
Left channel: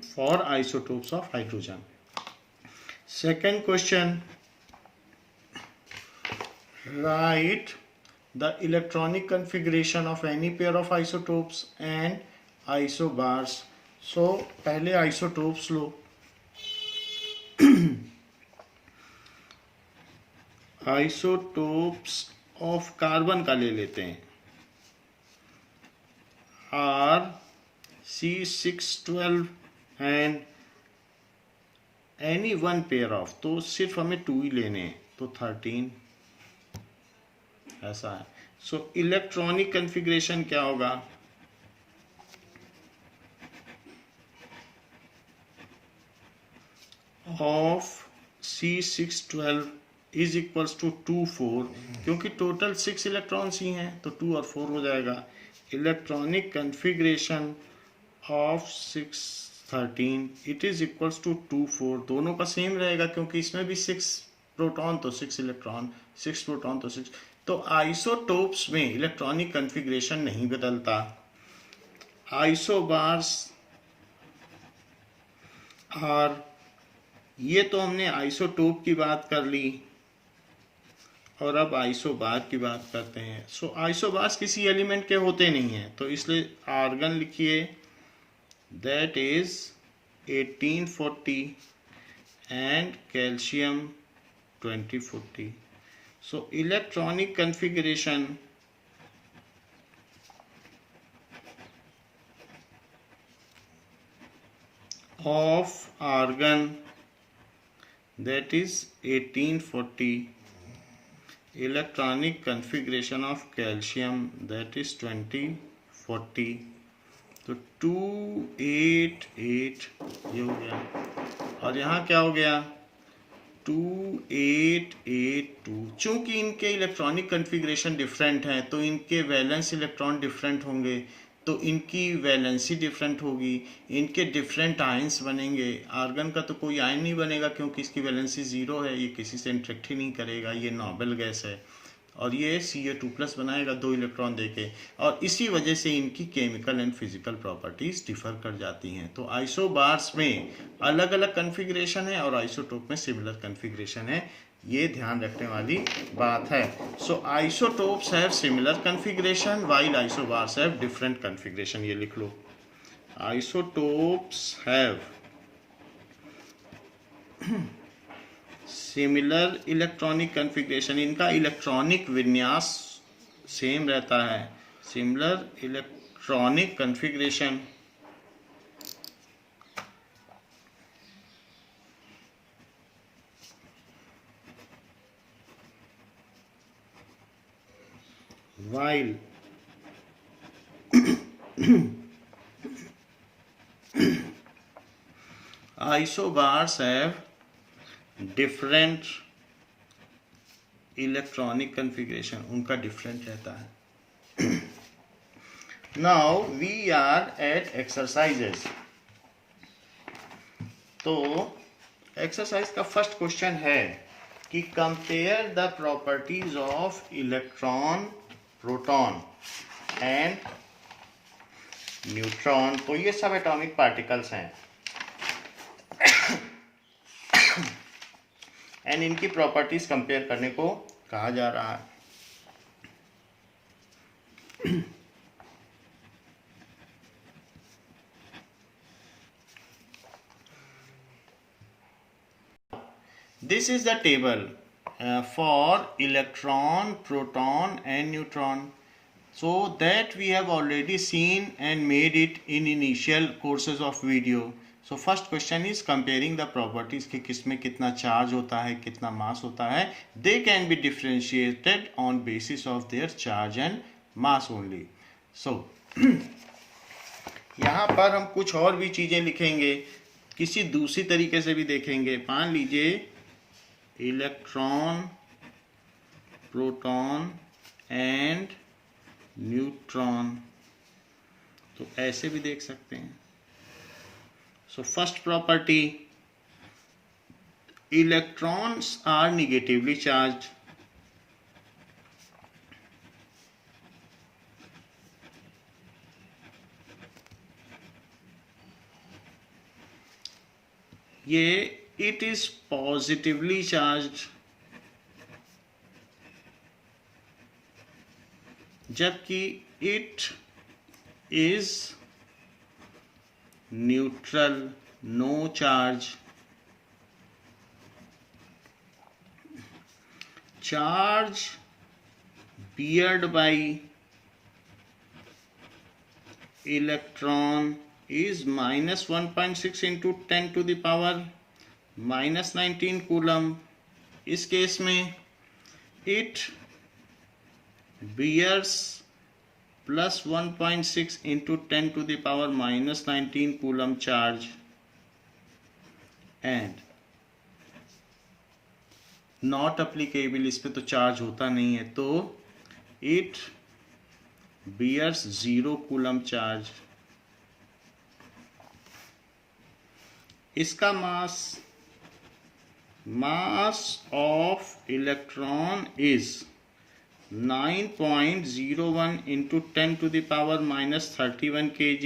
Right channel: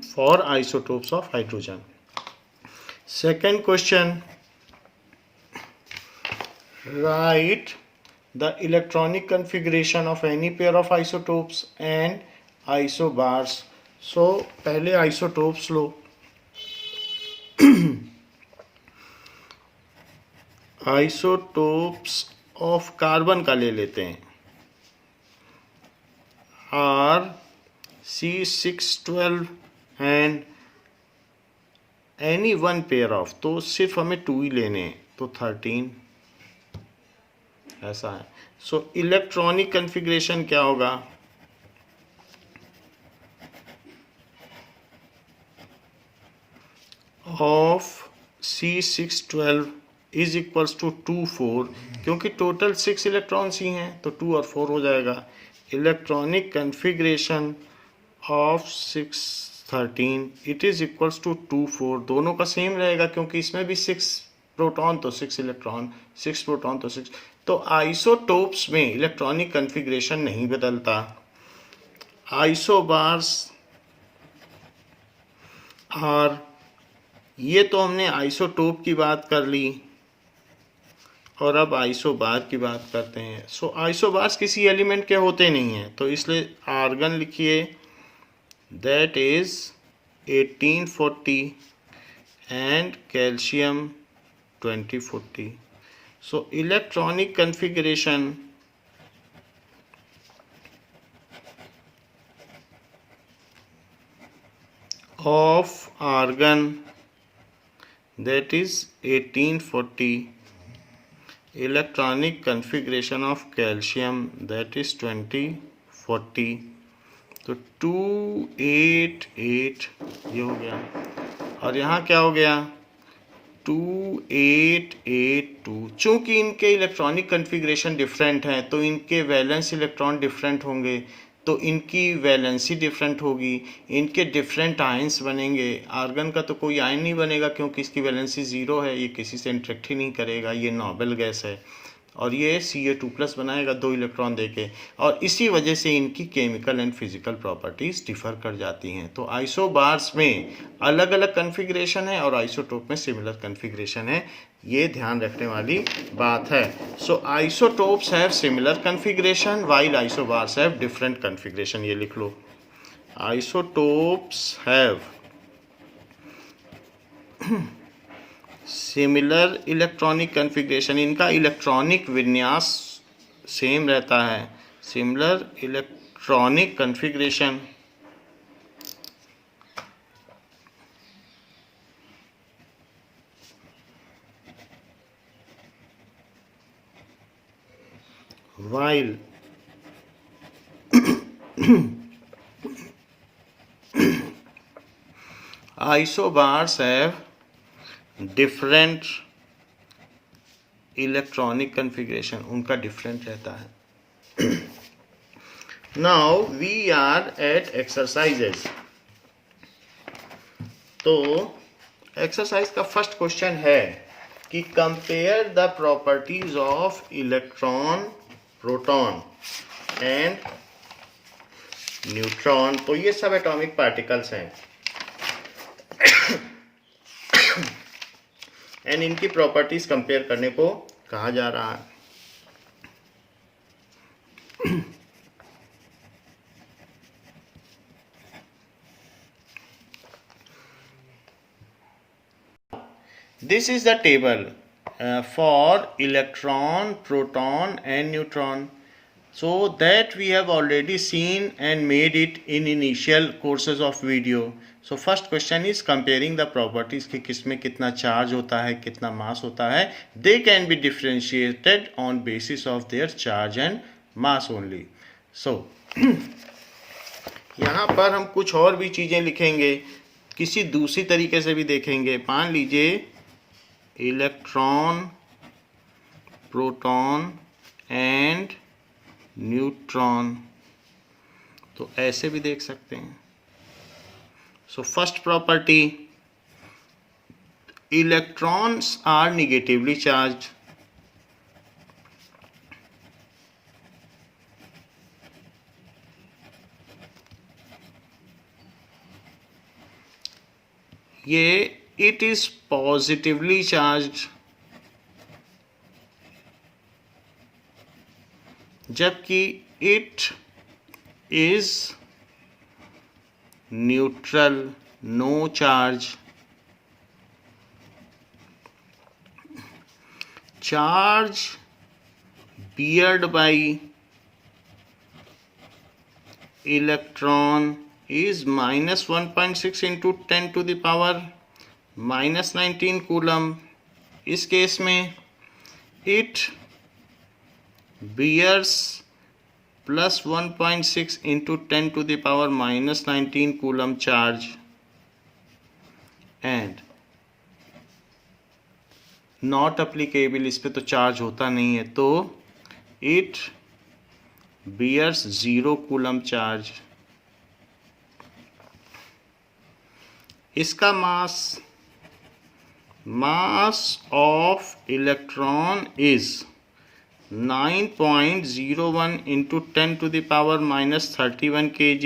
for isotopes of hydrogen. Second question, write the electronic configuration of any pair of isotopes and isobars. So पहले isotopes low. isotopes of carbon का ले लेते हैं, C612 and any one pair of, तो सिर्फ हमें 2 ही लेने हैं, तो 13 ऐसा है। सो इलेक्ट्रॉनिक कन्फिग्रेशन क्या होगा, of C612 is equals to 2 4, क्योंकि टोटल 6 इलेक्ट्रॉन्स ही हैं तो 2 और 4 हो जाएगा। Electronic configuration of 613 it is equals to 2 4, दोनों का सेम रहेगा क्योंकि इसमें भी 6 प्रोटॉन तो 6 इलेक्ट्रॉन, 6 प्रोटॉन तो 6। तो आइसोटोप्स में इलेक्ट्रॉनिक कन्फिग्रेशन नहीं बदलता। आइसोबार्स और ये तो हमने आइसोटोप की बात कर ली और अब आइसोबार की बात करते हैं। सो आइसोबार्स किसी एलिमेंट के होते नहीं हैं, तो इसलिए आर्गन लिखिए, that is 1840 and calcium 2040। So electronic configuration of argon, that is 1840, electronic configuration of calcium, that is 2040, तो 288 ये हो गया। और यहाँ क्या हो गया, 2882। चूंकि इनके इलेक्ट्रॉनिक कन्फिग्रेशन डिफरेंट हैं तो इनके वैलेंस इलेक्ट्रॉन डिफरेंट होंगे, तो इनकी वैलेंसी डिफरेंट होगी, इनके डिफरेंट आयंस बनेंगे। आर्गन का तो कोई आयन नहीं बनेगा क्योंकि इसकी वैलेंसी 0 है, ये किसी से इंटरेक्ट ही नहीं करेगा, ये नोबल गैस है। और ये Ca2+ बनाएगा 2 इलेक्ट्रॉन देके, और इसी वजह से इनकी chemical and physical properties differ कर जाती हैं। तो आइसोबार्स में अलग अलग कन्फिग्रेशन है और आइसोटोप में सिमिलर कन्फिग्रेशन है, ये ध्यान रखने वाली बात है। So isotopes have similar configuration while isobars have different configuration. ये लिख लो, isotopes have similar electronic configuration, इनका इलेक्ट्रॉनिक विन्यास सेम रहता है, similar electronic configuration while isobars have different electronic configuration, उनका डिफरेंट रहता है। Now we are at exercises. तो एक्सरसाइज का फर्स्ट क्वेश्चन है कि compare the properties of electron, proton and neutron. तो ये सब एटॉमिक पार्टिकल्स हैं एंड इनकी प्रॉपर्टीज कंपेयर करने को कहा जा रहा है। This is the table for electron, proton and neutron. So that we have already seen and made it in initial courses of video. So first question is comparing the properties कि किसमें कितना charge होता है, कितना मास होता है। They can be differentiated on basis of their charge and mass only. So यहाँ पर हम कुछ और भी चीज़ें लिखेंगे, किसी दूसरी तरीके से भी देखेंगे। मान लीजिए इलेक्ट्रॉन, प्रोटॉन एंड न्यूट्रॉन, तो ऐसे भी देख सकते हैं। So first property, electrons are negatively charge. ये इट इज पॉजिटिवली चार्ज, जबकि it is neutral, no charge. Charge beared by electron is minus 1.6 into 10 to the power minus 19 coulomb. इस case में it bears plus 1.6 into 10 to the power minus 19 coulomb charge and not applicable, इस पे तो charge होता नहीं है, तो it bears 0 coulomb charge. इसका mass of electron is 9.01 into 10 to the power minus 31 kg।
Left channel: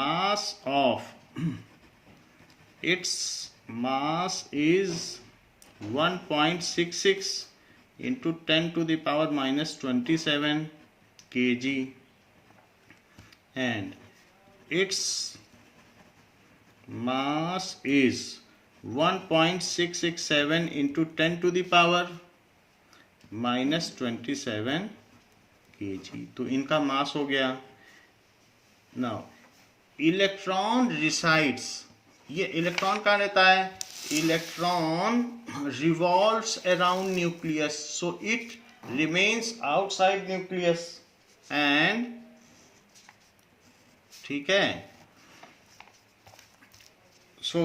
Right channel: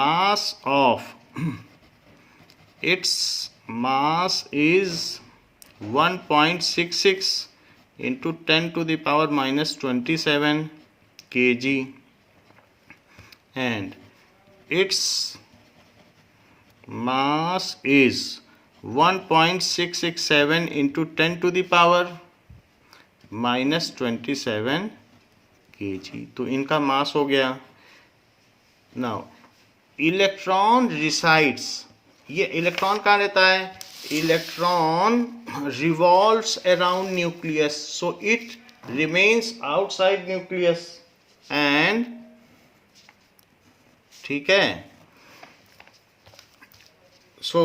Mass of its mass is 1.66 into 10 to the power minus 27 kg and its mass is 1.667 into 10 to the power minus 27 kg। तो इनका मास हो गया। Now electron resides, ये electron कहाँ रहता है? Electron revolves around nucleus, so it remains outside nucleus and, ठीक है, सो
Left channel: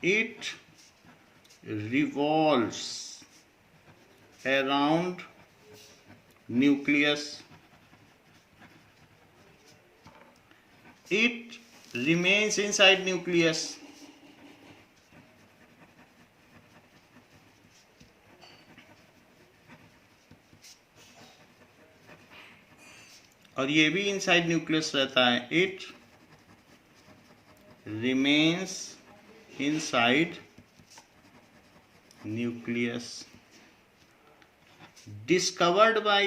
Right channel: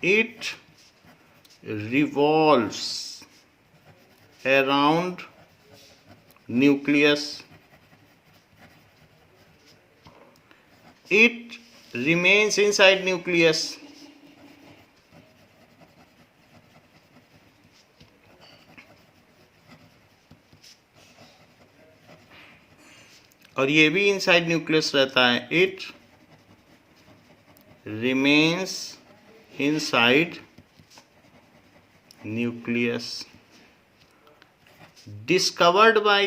it revolves around nucleus, it remains inside nucleus, और ये भी इनसाइड न्यूक्लियस रहता है, it remains inside nucleus। Discovered by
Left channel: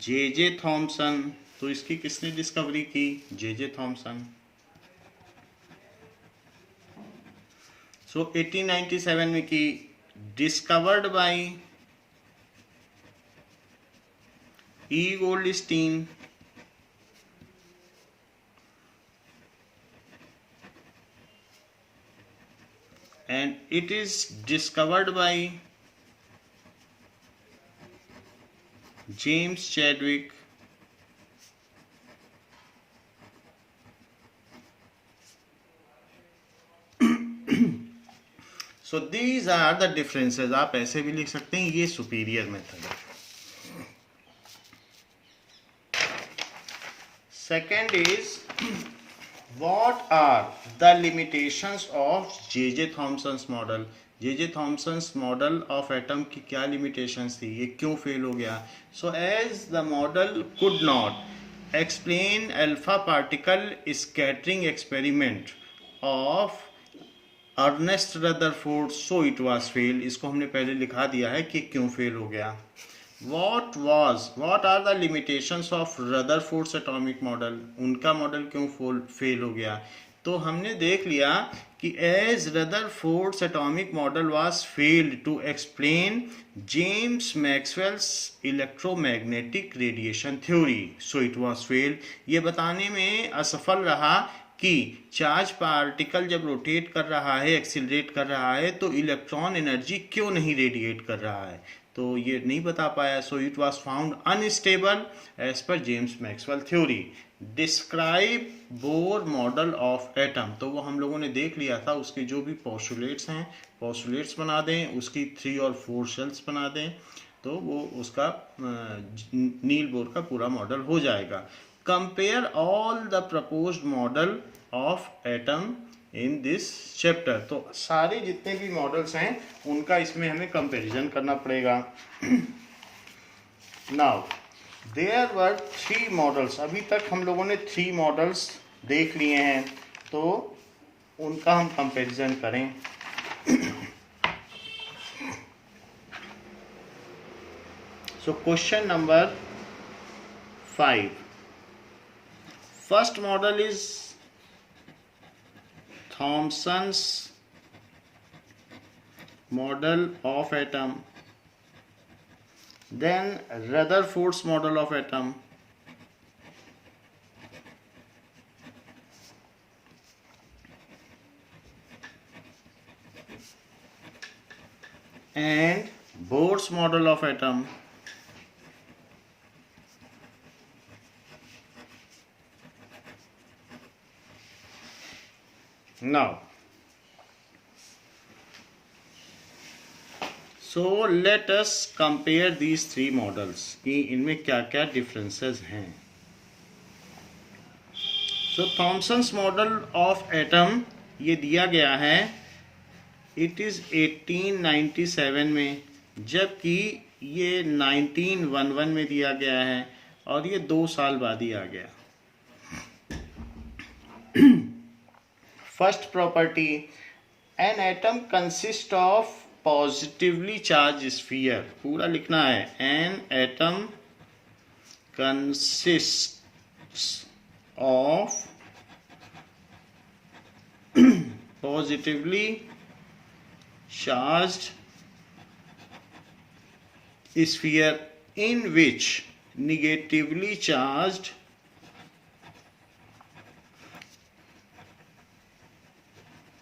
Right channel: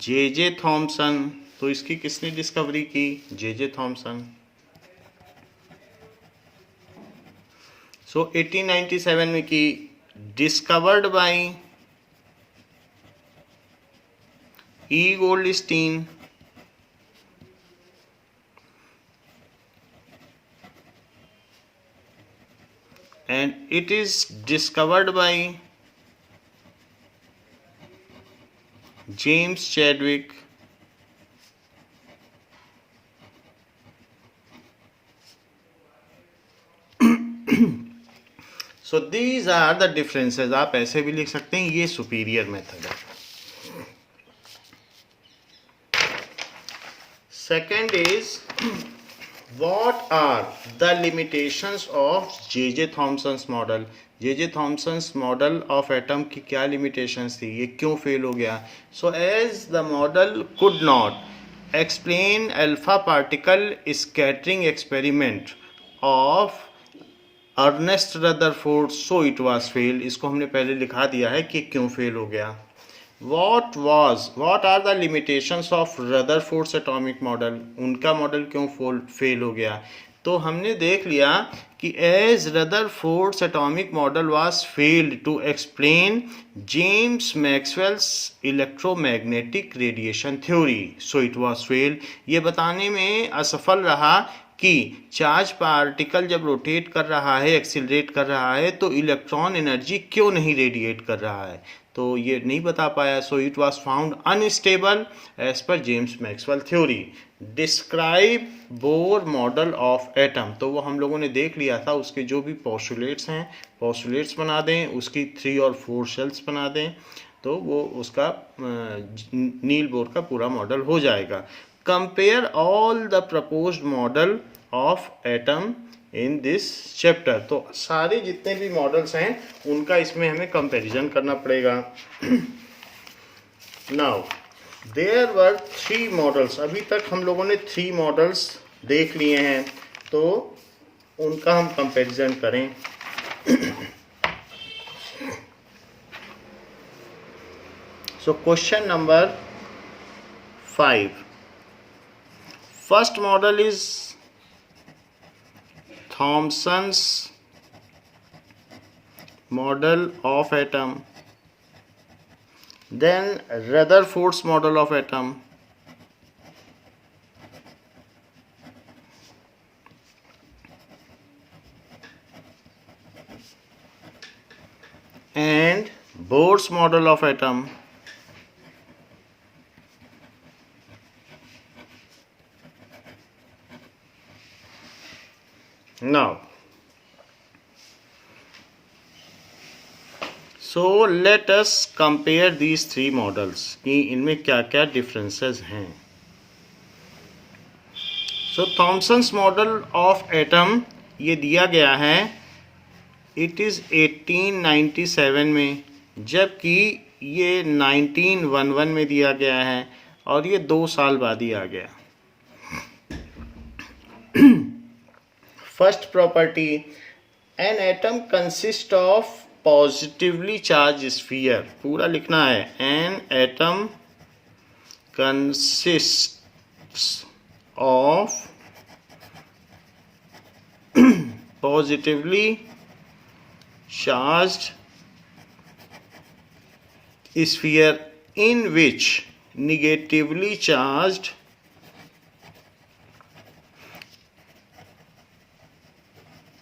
J Thomson, तो इसकी किसने डिस्कवरी की? J Thomson. सो 1897 में की। Discovered by E Goldstein. And it is discovered by James Chadwick। So these are the differences। आप ऐसे भी लिख सकते हैं, ये सुपीरियर मेथड है। Second is what are the limitations of J.J. Thomson's model? J.J. Thomson's model of atom की क्या limitations थी, ये क्यों फेल हो गया? So as the model could not explain alpha particle scattering experiment of Ernest Rutherford, so it was fail. इसको हमने पहले लिखा दिया है कि क्यों फेल हो गया। what are the limitations of Rutherford's atomic model, उनका मॉडल क्यों फेल हो गया? तो हमने देख लिया कि as Rutherford's atomic model was failed to explain James Maxwell's electromagnetic radiation theory, so it was fail. ये बताने में असफल रहा कि चार्ज पार्टिकल जब रोटेट कर रहा है, एक्सिलरेट कर रहा है, तो इलेक्ट्रॉन एनर्जी क्यों नहीं रेडिएट कर रहा है, तो ये नहीं बता पाया। So it was found unstable as per James Maxwell theory. Describe Bohr model of atom. तो वो हम लोगों ने देख लिया था, उसके जो भी पोस्टुलेट्स हैं पोस्टुलेट्स बना दें, उसकी 3 और 4 शेल्स बना दें, तो वो उसका नील बोर का पूरा मॉडल हो जाएगा। Compare all the proposed model of atom in this chapter. तो सारे जितने भी मॉडल्स हैं उनका इसमें हमें कंपैरिजन करना पड़ेगा। Now there were 3 models. अभी तक हम लोगों ने 3 मॉडल्स देख लिए हैं, तो उनका हम कंपैरिजन करें। So question number 5, first model is Thomson's model of atom, then Rutherford's model of atom, and Bohr's model of atom. Now so let us compare these 3 models कि इनमें क्या क्या differences हैं। So Thomson's model of atom ये दिया गया है, it is 1897 में, जबकि ये 1911 में दिया गया है और ये 2 साल बाद ही आ गया। First property, an atom consists of positively charge sphere. पूरा लिखना है, an atom consists of positively charged sphere in which negatively charged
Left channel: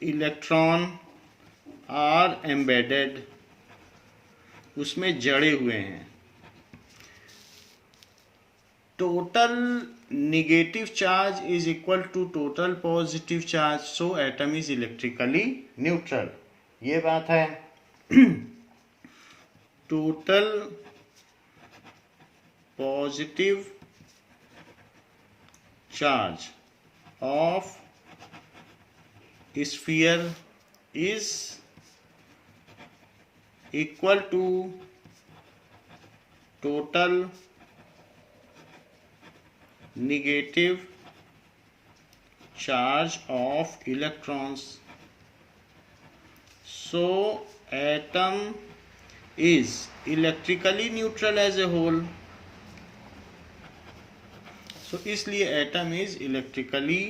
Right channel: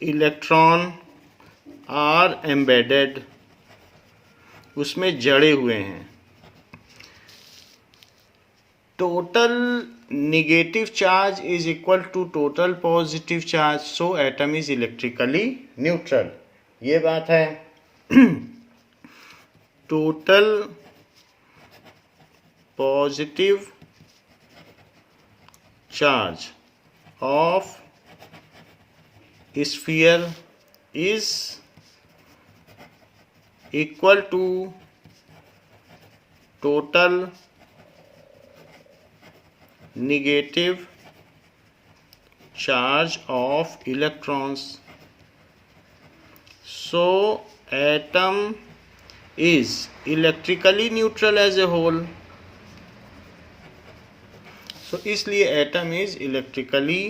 electron are embedded, उसमें जड़े हुए हैं। Total negative charge is equal to total positive charge, so atom is electrically neutral. ये बात है। Total positive charge of sphere is equal to total negative charge of electrons. So atom is electrically neutral as a whole. So इसलिए atom is electrically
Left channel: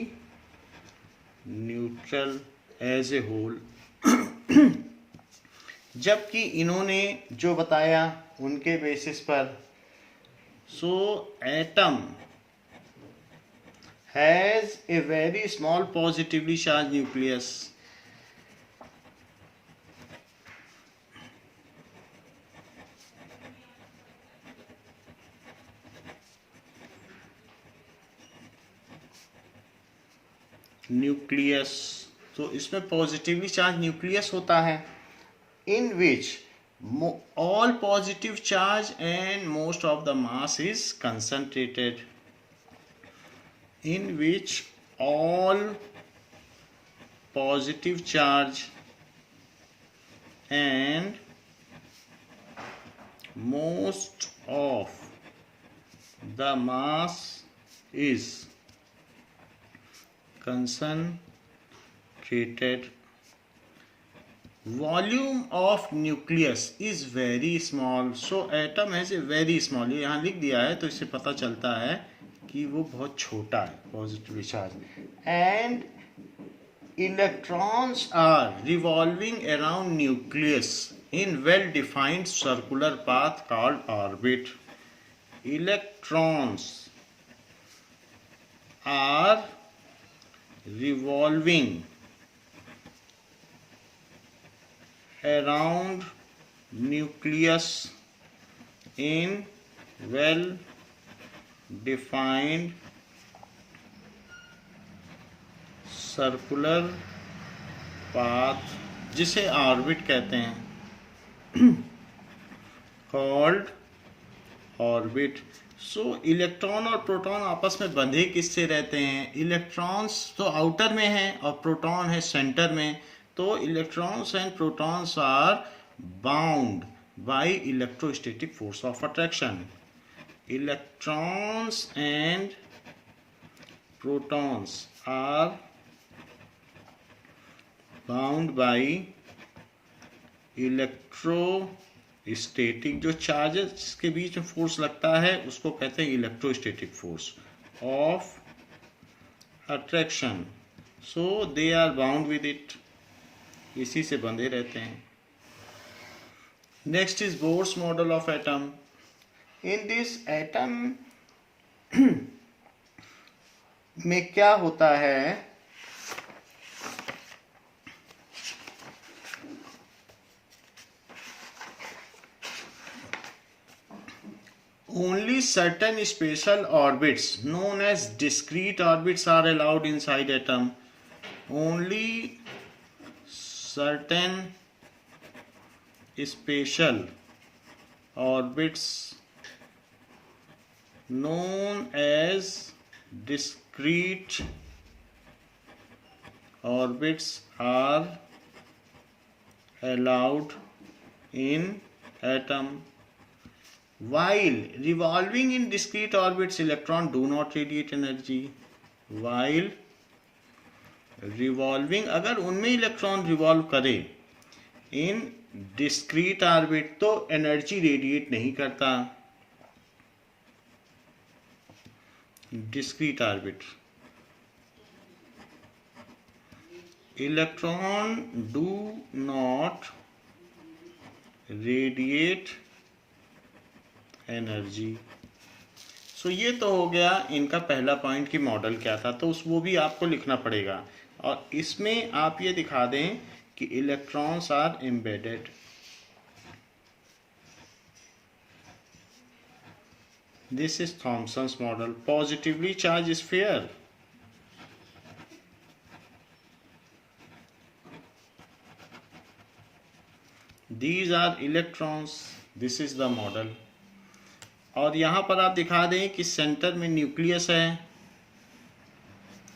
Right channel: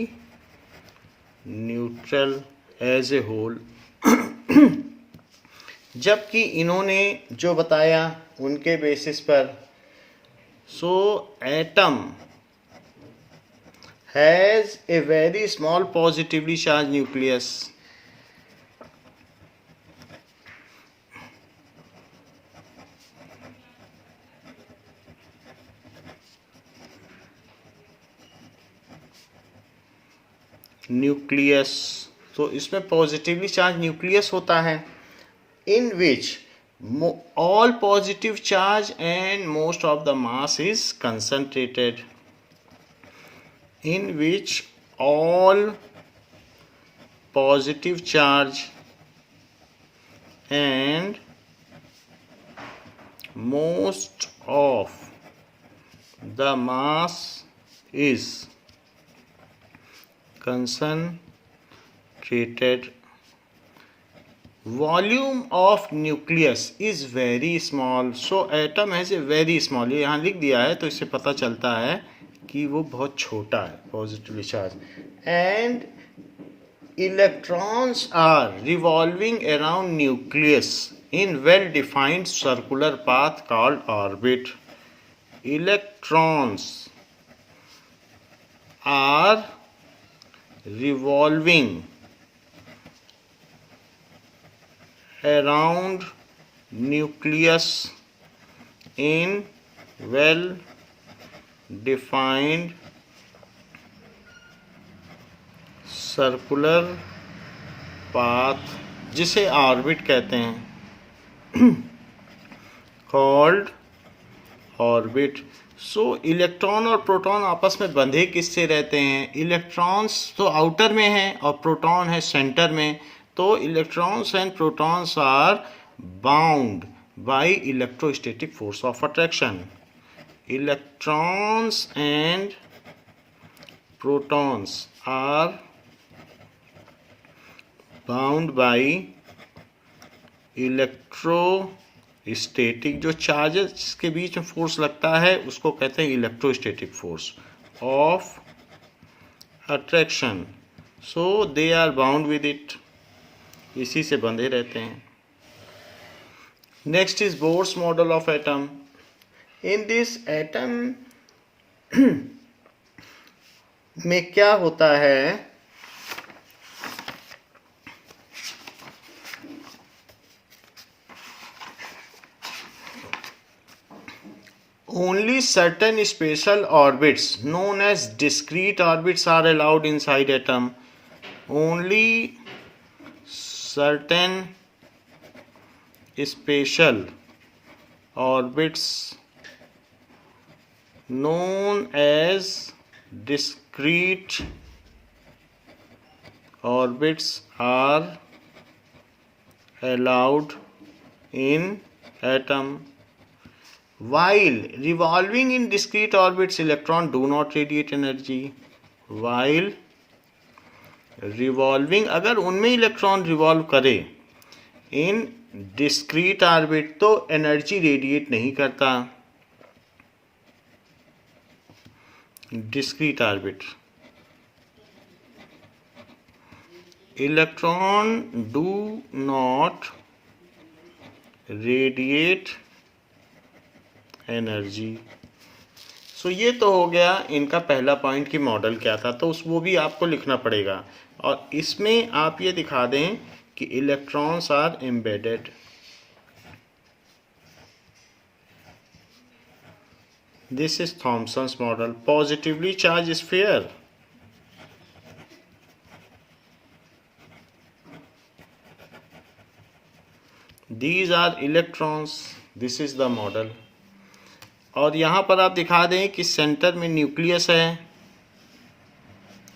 neutral as a whole. जबकि इन्होंने जो बताया उनके basis पर, so atom has a very small positively charge nucleus. Nucleus, तो इसमें positively charge nucleus होता है, in which all positive charge and most of the mass is concentrated, in which all positive charge and most of the mass is concentrated. Volume of nucleus is very small, so atom has a very small, ये यहाँ लिख दिया है तो इससे पता चलता है कि वो बहुत छोटा है, positively charge. And electrons are revolving around nucleus in well defined circular path called orbit. Electrons are revolving around nucleus in well defined circular path जिसे ऑर्बिट कहते हैं, कॉल्ड ऑर्बिट। सो इलेक्ट्रॉन और प्रोटॉन आपस में बंधे किससे रहते हैं? इलेक्ट्रॉन्स तो आउटर में हैं और प्रोटॉन है सेंटर में। तो electrons and protons are bound by electrostatic force of attraction. Electrons and protons are bound by electrostatic, जो चार्जेस के बीच में फोर्स लगता है उसको कहते हैं electrostatic force of attraction. So they are bound with it, इसी से बंधे रहते हैं। Next is Bohr's model of atom. In this atom में क्या होता है? Only certain special orbits known as discrete orbits are allowed inside atom. Only certain special orbits known as discrete orbits are allowed in atom. While revolving in discrete orbits, electrons do not radiate energy. While revolving, अगर उनमें electron revolve करे in discrete orbit तो energy radiate नहीं करता। Discrete orbit electron do not radiate energy. So ये तो हो गया इनका पहला पॉइंट कि मॉडल क्या था, तो वो भी आपको लिखना पड़ेगा। और इसमें आप ये दिखा दें कि electrons are embedded. This is Thomson's model. Positively charge sphere, these are electrons, this is the model. और यहाँ पर आप दिखा दें कि सेंटर में न्यूक्लियस है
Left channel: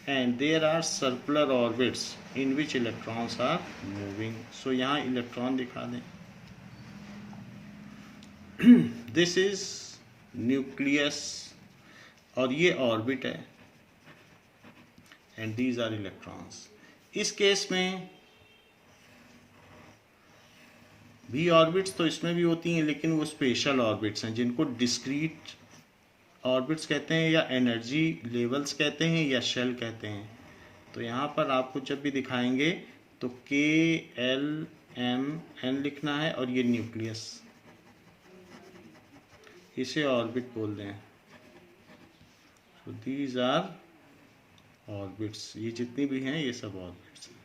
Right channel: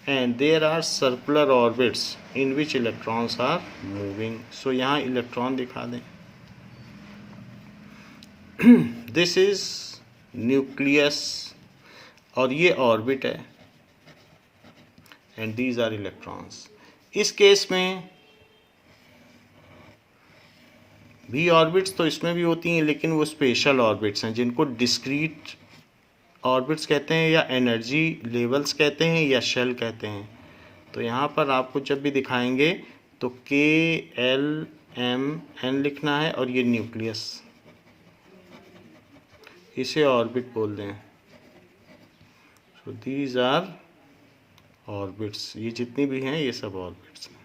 and there are circular orbits in which electrons are moving. So यहाँ इलेक्ट्रॉन दिखा दें। दिस इज न्यूक्लियस और ये ऑर्बिट है एंड दीज आर इलेक्ट्रॉन्स। इस केस में भी ऑर्बिट्स तो इसमें भी होती हैं, लेकिन वो स्पेशल ऑर्बिट्स हैं जिनको डिस्क्रीट ऑर्बिट्स कहते हैं या एनर्जी लेवल्स कहते हैं या शेल कहते हैं। तो यहाँ पर आपको जब भी दिखाएंगे तो KLMN लिखना है और ये न्यूक्लियस, इसे ऑर्बिट बोल दें। सो दीज आर ऑर्बिट्स, ये जितनी भी हैं ये सब ऑर्बिट्स हैं।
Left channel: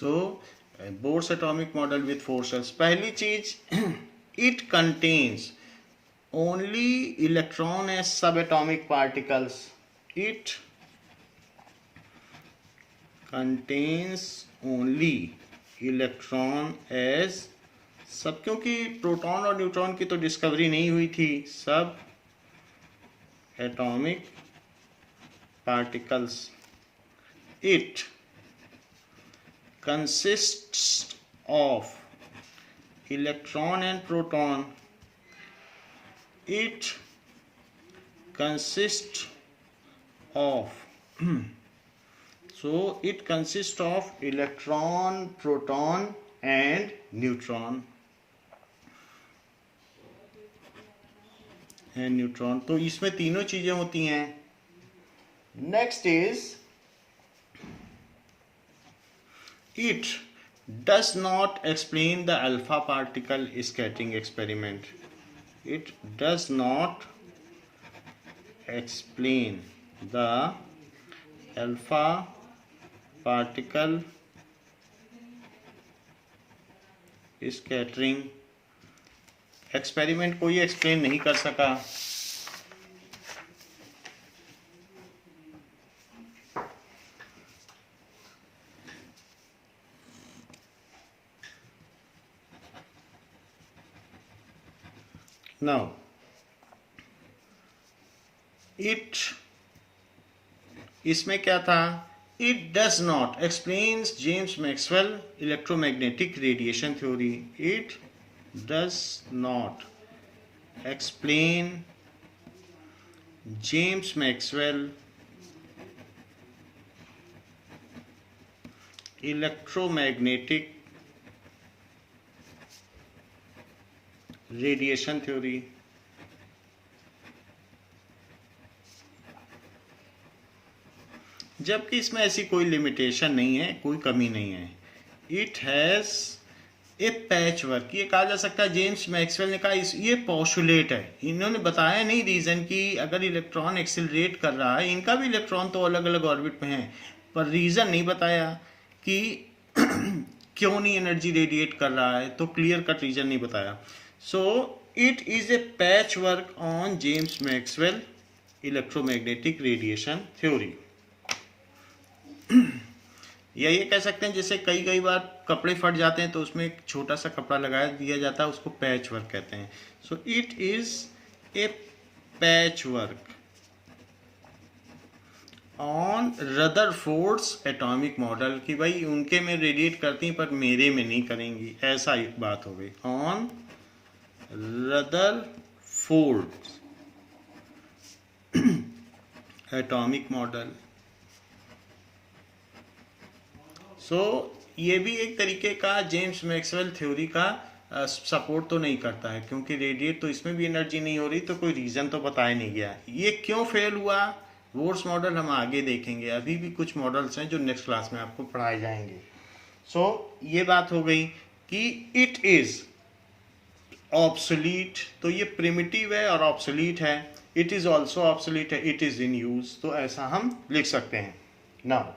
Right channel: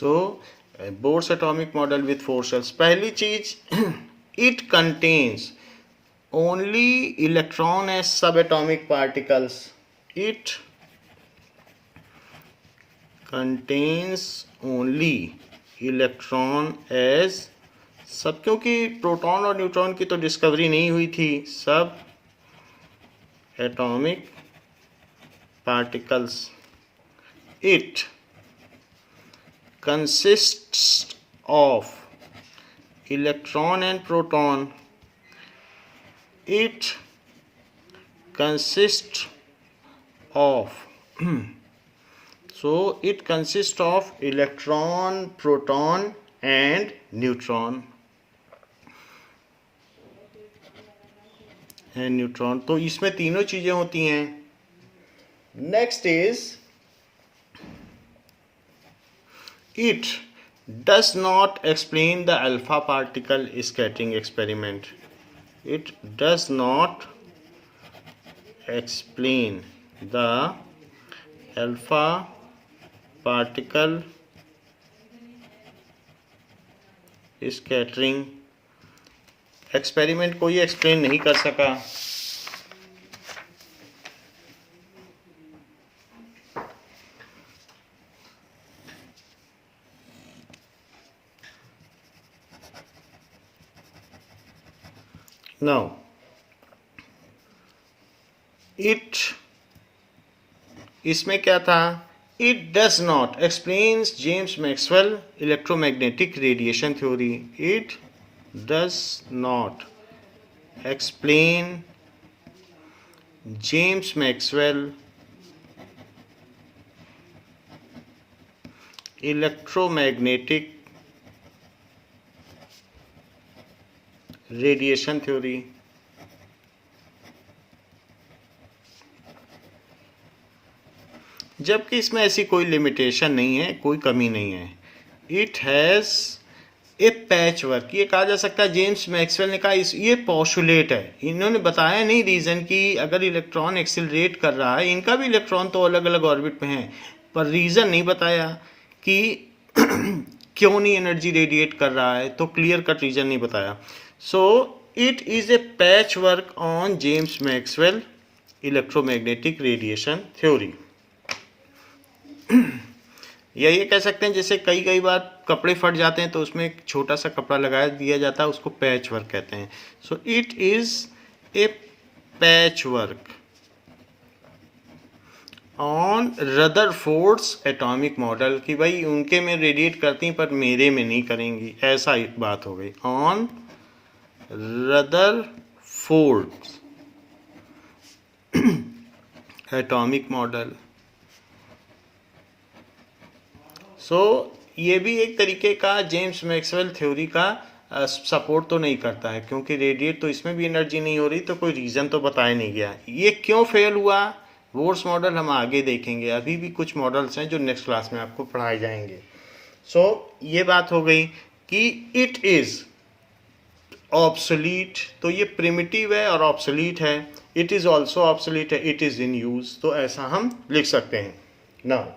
So Bohr's atomic model with 4 shells. पहली चीज, it contains only electron as सब atomic particles. It contains only electron as sub, क्योंकि प्रोटॉन और न्यूट्रॉन की तो डिस्कवरी नहीं हुई थी, सब atomic particles. It consists of electron and proton. It consists of so it consists of electron, proton and neutron. तो इसमें तीनों चीजें होती हैं। Next is it does not explain the alpha particle scattering experiment. It does not explain the alpha particle scattering experiment को ये explain नहीं कर सका। नाउ इट, इसमें क्या था, it does not explains James Maxwell electromagnetic radiation theory, it does not explain James Maxwell electromagnetic radiation theory, जबकि इसमें ऐसी कोई लिमिटेशन नहीं है, कोई कमी नहीं है। It has a patch work, ये कहा जा सकता है, जेम्स मैक्सवेल ने कहा इस, ये पॉस्टुलेट है, इन्होंने बताया नहीं रीज़न कि अगर इलेक्ट्रॉन एक्सिलरेट कर रहा है, इनका भी इलेक्ट्रॉन तो अलग अलग ऑर्बिट पे हैं, पर रीज़न नहीं बताया कि क्यों नहीं एनर्जी रेडिएट कर रहा है, तो क्लियर कट रीज़न नहीं बताया। So it is a patch work on James Maxwell electromagnetic radiation theory. या ये कह सकते हैं जैसे कई कई बार कपड़े फट जाते हैं तो उसमें एक छोटा सा कपड़ा लगा दिया जाता है, उसको पैच वर्क कहते हैं। So it is a patch work on Rutherford's atomic model, कि भाई उनके में रेडिएट करती पर मेरे में नहीं करेंगी, ऐसा एक बात हो गई। On Rutherford's atomic model. So ये भी एक तरीके का जेम्स मैक्सवेल थ्योरी का सपोर्ट तो नहीं करता है, क्योंकि रेडिएट तो इसमें भी एनर्जी नहीं हो रही, तो कोई रीज़न तो बताया नहीं गया। ये क्यों फेल हुआ, वोर्स मॉडल हम आगे देखेंगे, अभी भी कुछ मॉडल्स हैं जो नेक्स्ट क्लास में आपको पढ़ाए जाएंगे। सो ये बात हो गई कि इट इज़ ऑब्सोलीट, तो ये प्रिमिटिव है और ऑब्सोलीट है। इट इज़ ऑल्सो ऑब्सोलीट है, इट इज़ इन यूज, तो ऐसा हम लिख सकते हैं। Now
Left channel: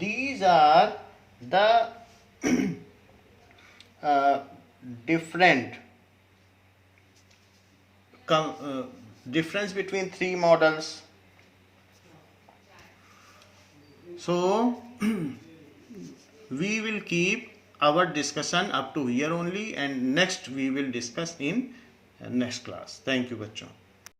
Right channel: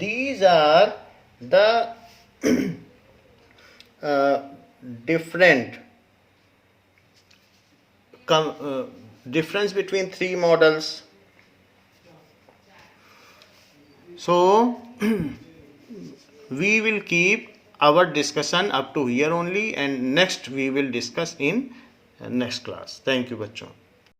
these are the different difference between three models. So we will keep our discussion up to here only, and next we will discuss in next class. Thank you बच्चों.